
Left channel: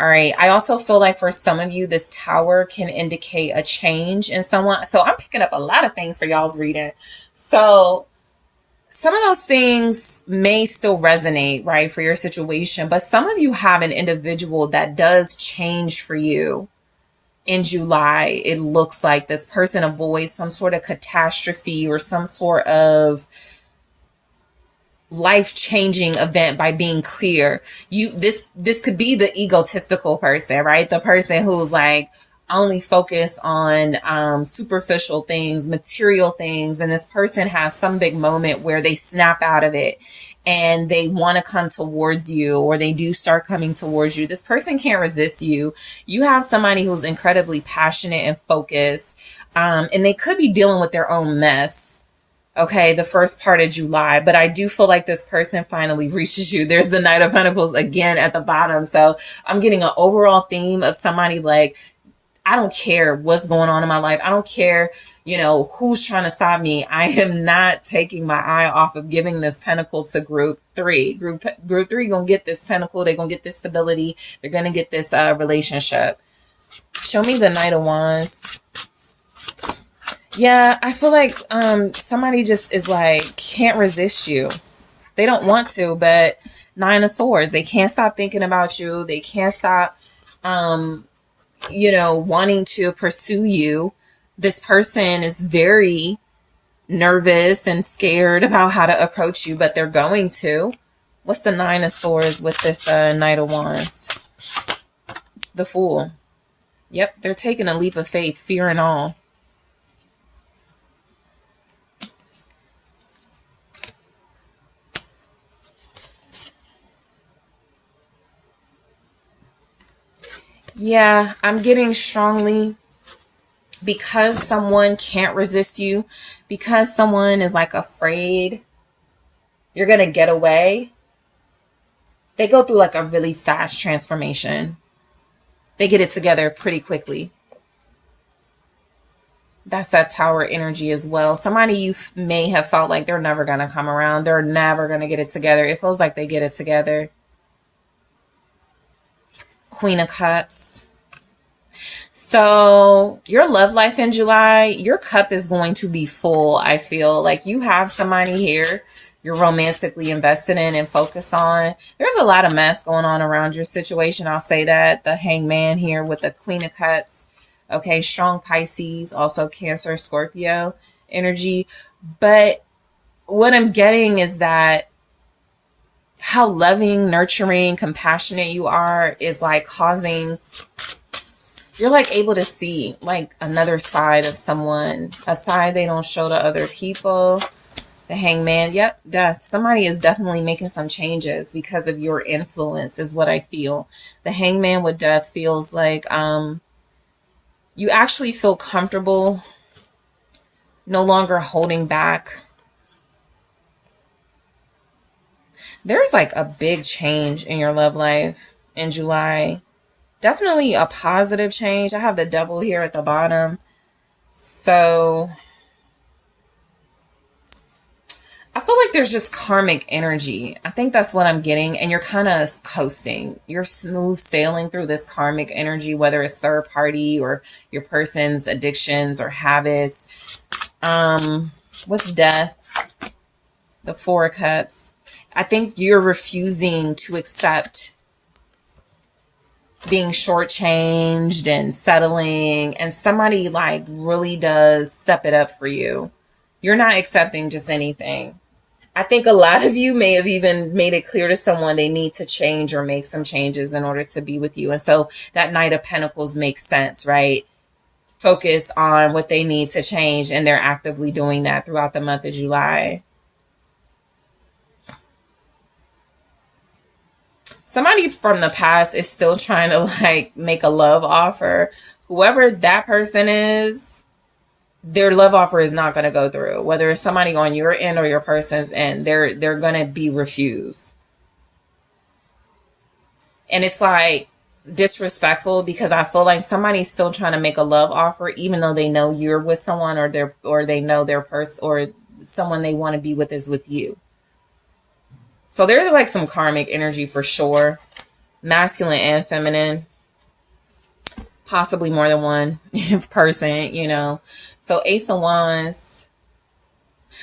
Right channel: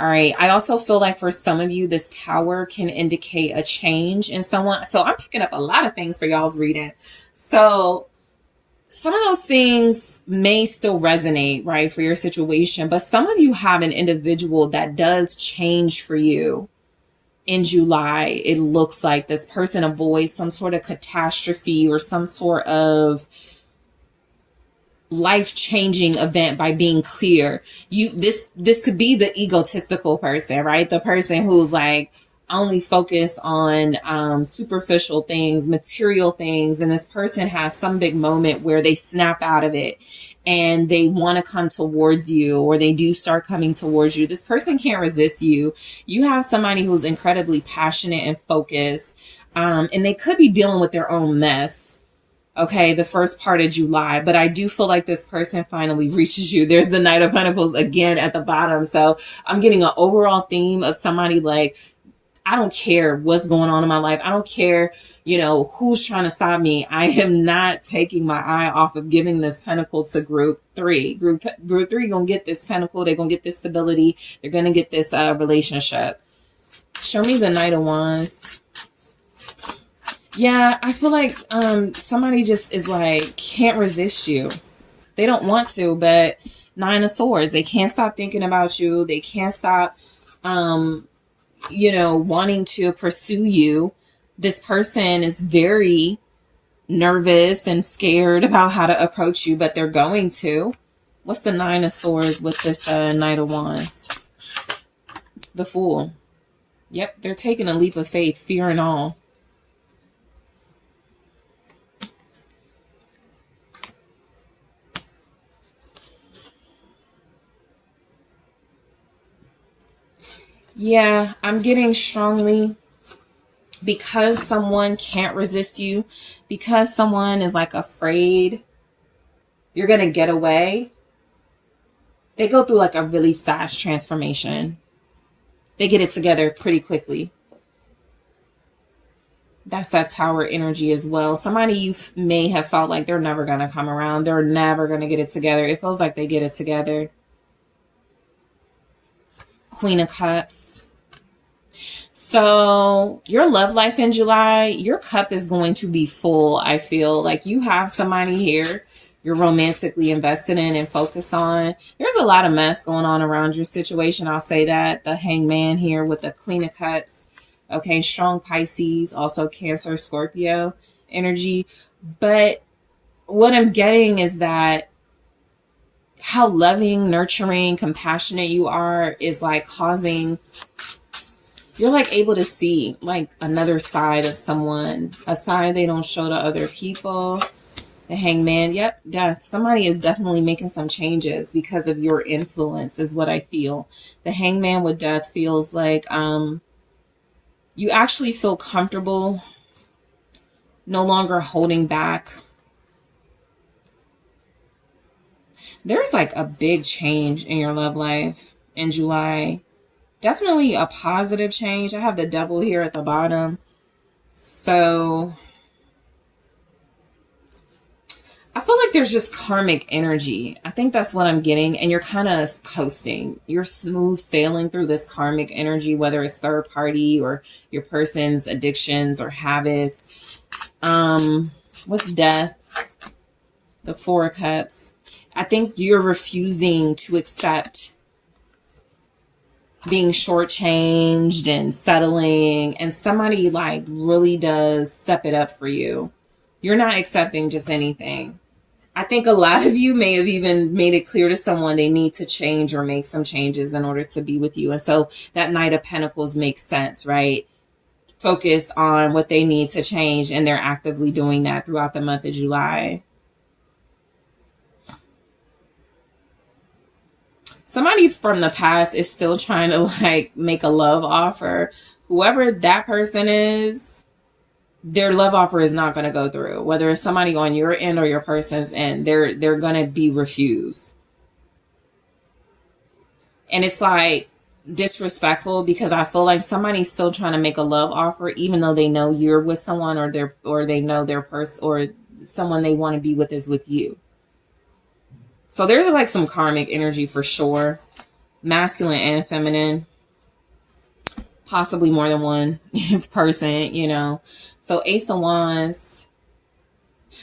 All right. I also feel like for some of you, this Tower can indicate a change in someone. So I'm picking up a lot of things for y'all's reading. So some of those things may still resonate, right, for your situation. But some of you have an individual that does change for you. In July, it looks like this person avoids some sort of catastrophe or some sort of life-changing event by being clear. This could be the egotistical person, right? The person who's like, only focus on superficial things, material things, and this person has some big moment where they snap out of it and they want to come towards you, or they do start coming towards you. This person can't resist you. You have somebody who's incredibly passionate and focused, and they could be dealing with their own mess. Okay, the first part of July, but I do feel like this person finally reaches you. There's the Knight of Pentacles again at the bottom. So I'm getting an overall theme of somebody like, I don't care what's going on in my life. I don't care, who's trying to stop me. I am not taking my eye off of giving this pentacle to group 3. Group 3 gonna get this pentacle. They're gonna get this stability. They're gonna get this relationship. Show me the Knight of Wands. Yeah, I feel like somebody just is like, can't resist you. They don't want to, but 9 of Swords. They can't stop thinking about you. They can't stop, wanting to pursue you. This person is very nervous and scared about how to approach you, but they're going to. What's the 9 of Swords with this Knight of Wands? The Fool. Yep, they're taking a leap of faith, fear and all. Yeah, I'm getting strongly, because someone can't resist you, because someone is like afraid you're going to get away. They go through like a really fast transformation. They get it together pretty quickly. That's that Tower energy as well. Somebody you may have felt like they're never going to come around. They're never going to get it together. It feels like they get it together. Queen of Cups. So your love life in July, your cup is going to be full. I feel like you have somebody here you're romantically invested in and focused on. There's a lot of mess going on around your situation. I'll say that. The Hangman here with the Queen of Cups. Okay, strong Pisces, also Cancer, Scorpio energy. But what I'm getting is that how loving, nurturing, compassionate you are is like causing, you're like able to see like another side of someone, a side they don't show to other people. The Hangman, yep, death. Somebody is definitely making some changes because of your influence is what I feel. The Hangman with death feels like you actually feel comfortable, no longer holding back. There's like a big change in your love life in July. Definitely a positive change. I have the Devil here at the bottom. So I feel like there's just karmic energy. I think that's what I'm getting. And you're kind of coasting. You're smooth sailing through this karmic energy, whether it's third party or your person's addictions or habits. What's death? The Four of Cups. I think you're refusing to accept being shortchanged and settling, and somebody like really does step it up for you. You're not accepting just anything. I think a lot of you may have even made it clear to someone they need to change or make some changes in order to be with you. And so that Knight of Pentacles makes sense, right? Focus on what they need to change, and they're actively doing that throughout the month of July. Somebody from the past is still trying to like make a love offer. Whoever that person is, their love offer is not going to go through. Whether it's somebody on your end or your person's end, they're going to be refused. And it's like disrespectful, because I feel like somebody's still trying to make a love offer, even though they know you're with someone, or they know their person, or someone they want to be with is with you. So there's like some karmic energy for sure. Masculine and feminine. Possibly more than one person, you know. So Ace of Wands.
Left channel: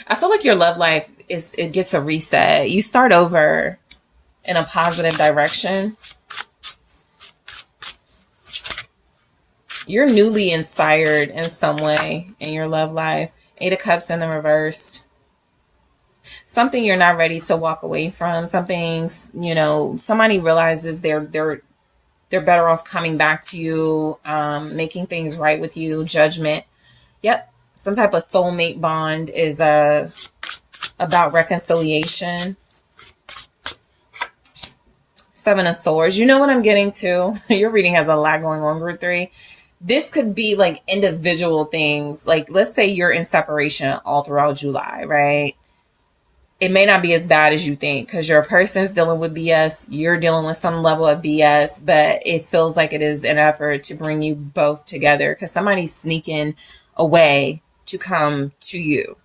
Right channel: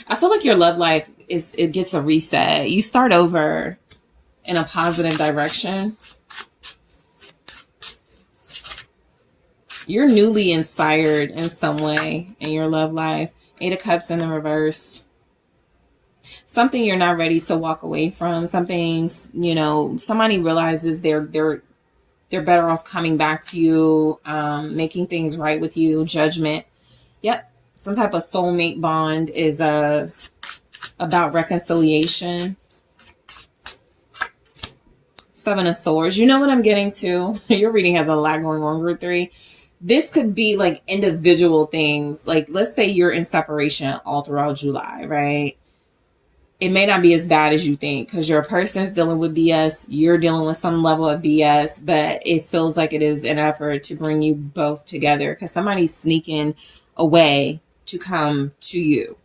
I feel like your love life it gets a reset. You start over in a positive direction. You're newly inspired in some way in your love life. Eight of Cups in the reverse. Something you're not ready to walk away from. Something, you know, somebody realizes they're They're better off coming back to you, making things right with you. Judgment. Yep. Some type of soulmate bond is about reconciliation. Seven of Swords. You know what I'm getting to? Your reading has a lot going on, group 3. This could be like individual things. Like, let's say you're in separation all throughout July, right? It may not be as bad as you think because your person's dealing with BS. You're dealing with some level of BS, but it feels like it is an effort to bring you both together because somebody's sneaking away to come to you.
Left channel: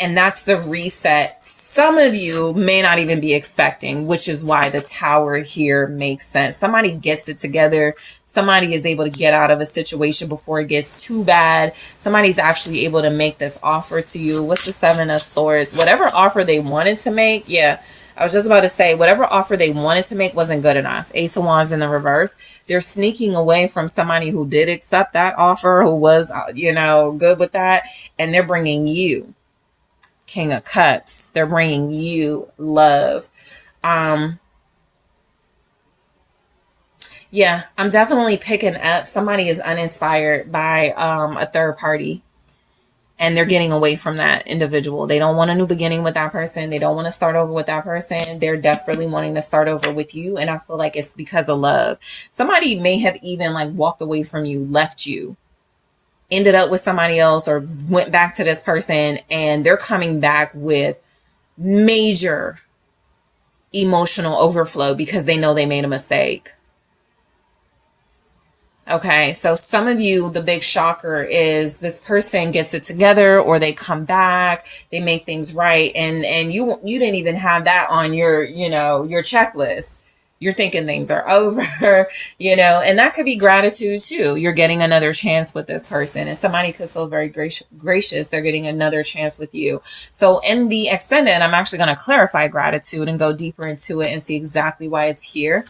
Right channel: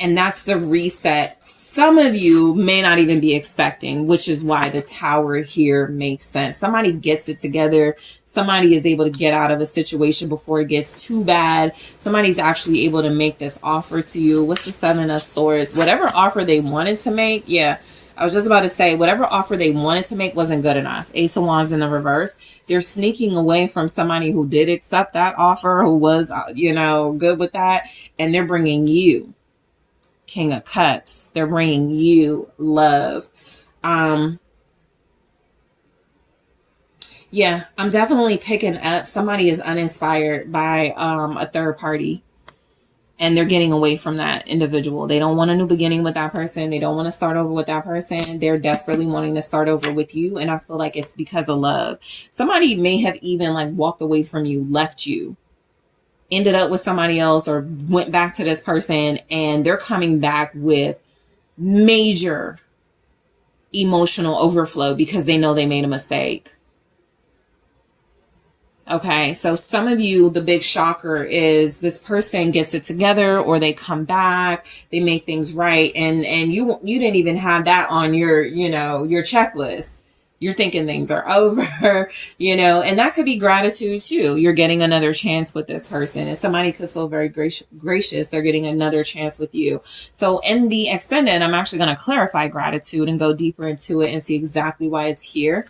And that's the reset some of you may not even be expecting, which is why the Tower here makes sense. Somebody gets it together. Somebody is able to get out of a situation before it gets too bad. Somebody's actually able to make this offer to you. What's the Seven of Swords? Whatever offer they wanted to make. Yeah, I was just about to say, whatever offer they wanted to make wasn't good enough. Ace of Wands in the reverse. They're sneaking away from somebody who did accept that offer, who was, good with that. And they're bringing you King of Cups. They're bringing you love. Yeah, I'm definitely picking up somebody is uninspired by a third party, and they're getting away from that individual. They don't want a new beginning with that person. They don't want to start over with that person. They're desperately wanting to start over with you, and I feel like it's because of love. Somebody may have even walked away from you, left you, ended up with somebody else, or went back to this person, and they're coming back with major emotional overflow because they know they made a mistake. Okay, so some of you, the big shocker is this person gets it together, or they come back, they make things right, and you didn't even have that on your checklist. You're thinking things are over, and that could be gratitude too. You're getting another chance with this person, and somebody could feel very gracious. They're getting another chance with you. So in the extended, I'm actually going to clarify gratitude and go deeper into it and see exactly why it's here.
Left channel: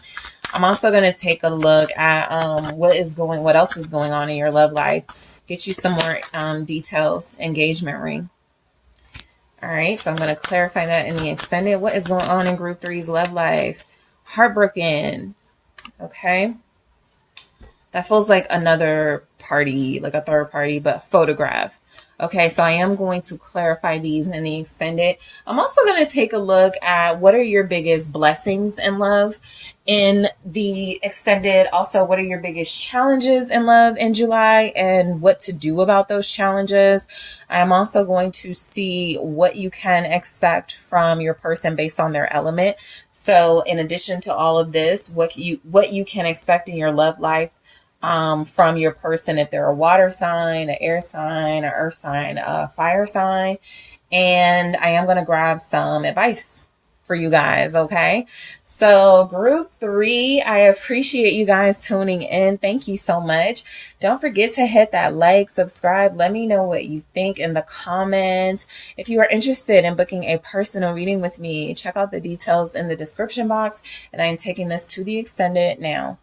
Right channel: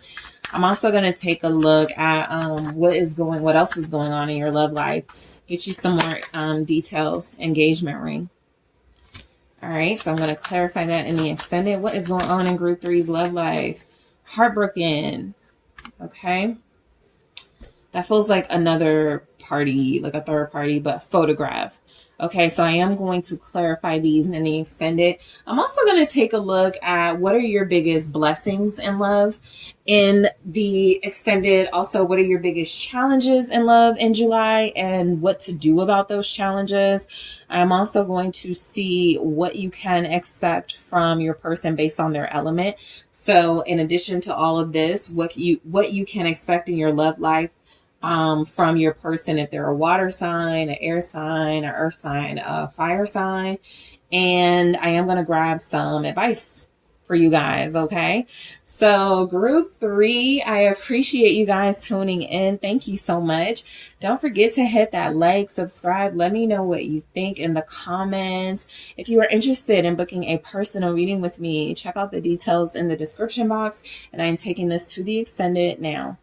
I'm also going to take a look at what else is going on in your love life. Get you some more details. Engagement ring. All right, so I'm going to clarify that in the extended. What is going on in group 3's love life? Heartbroken. Okay. That feels like another party, like a third party, but photograph. Okay, so I am going to clarify these in the extended. I'm also going to take a look at what are your biggest blessings in love in the extended. Also, what are your biggest challenges in love in July and what to do about those challenges. I'm also going to see what you can expect from your person based on their element. So in addition to all of this, what you can expect in your love life from your person, if they're a water sign, an air sign, an earth sign, a fire sign. And I am going to grab some advice for you guys. Okay. So group 3, I appreciate you guys tuning in. Thank you so much. Don't forget to hit that like, subscribe. Let me know what you think in the comments. If you are interested in booking a personal reading with me, check out the details in the description box. And I'm taking this to the extended now.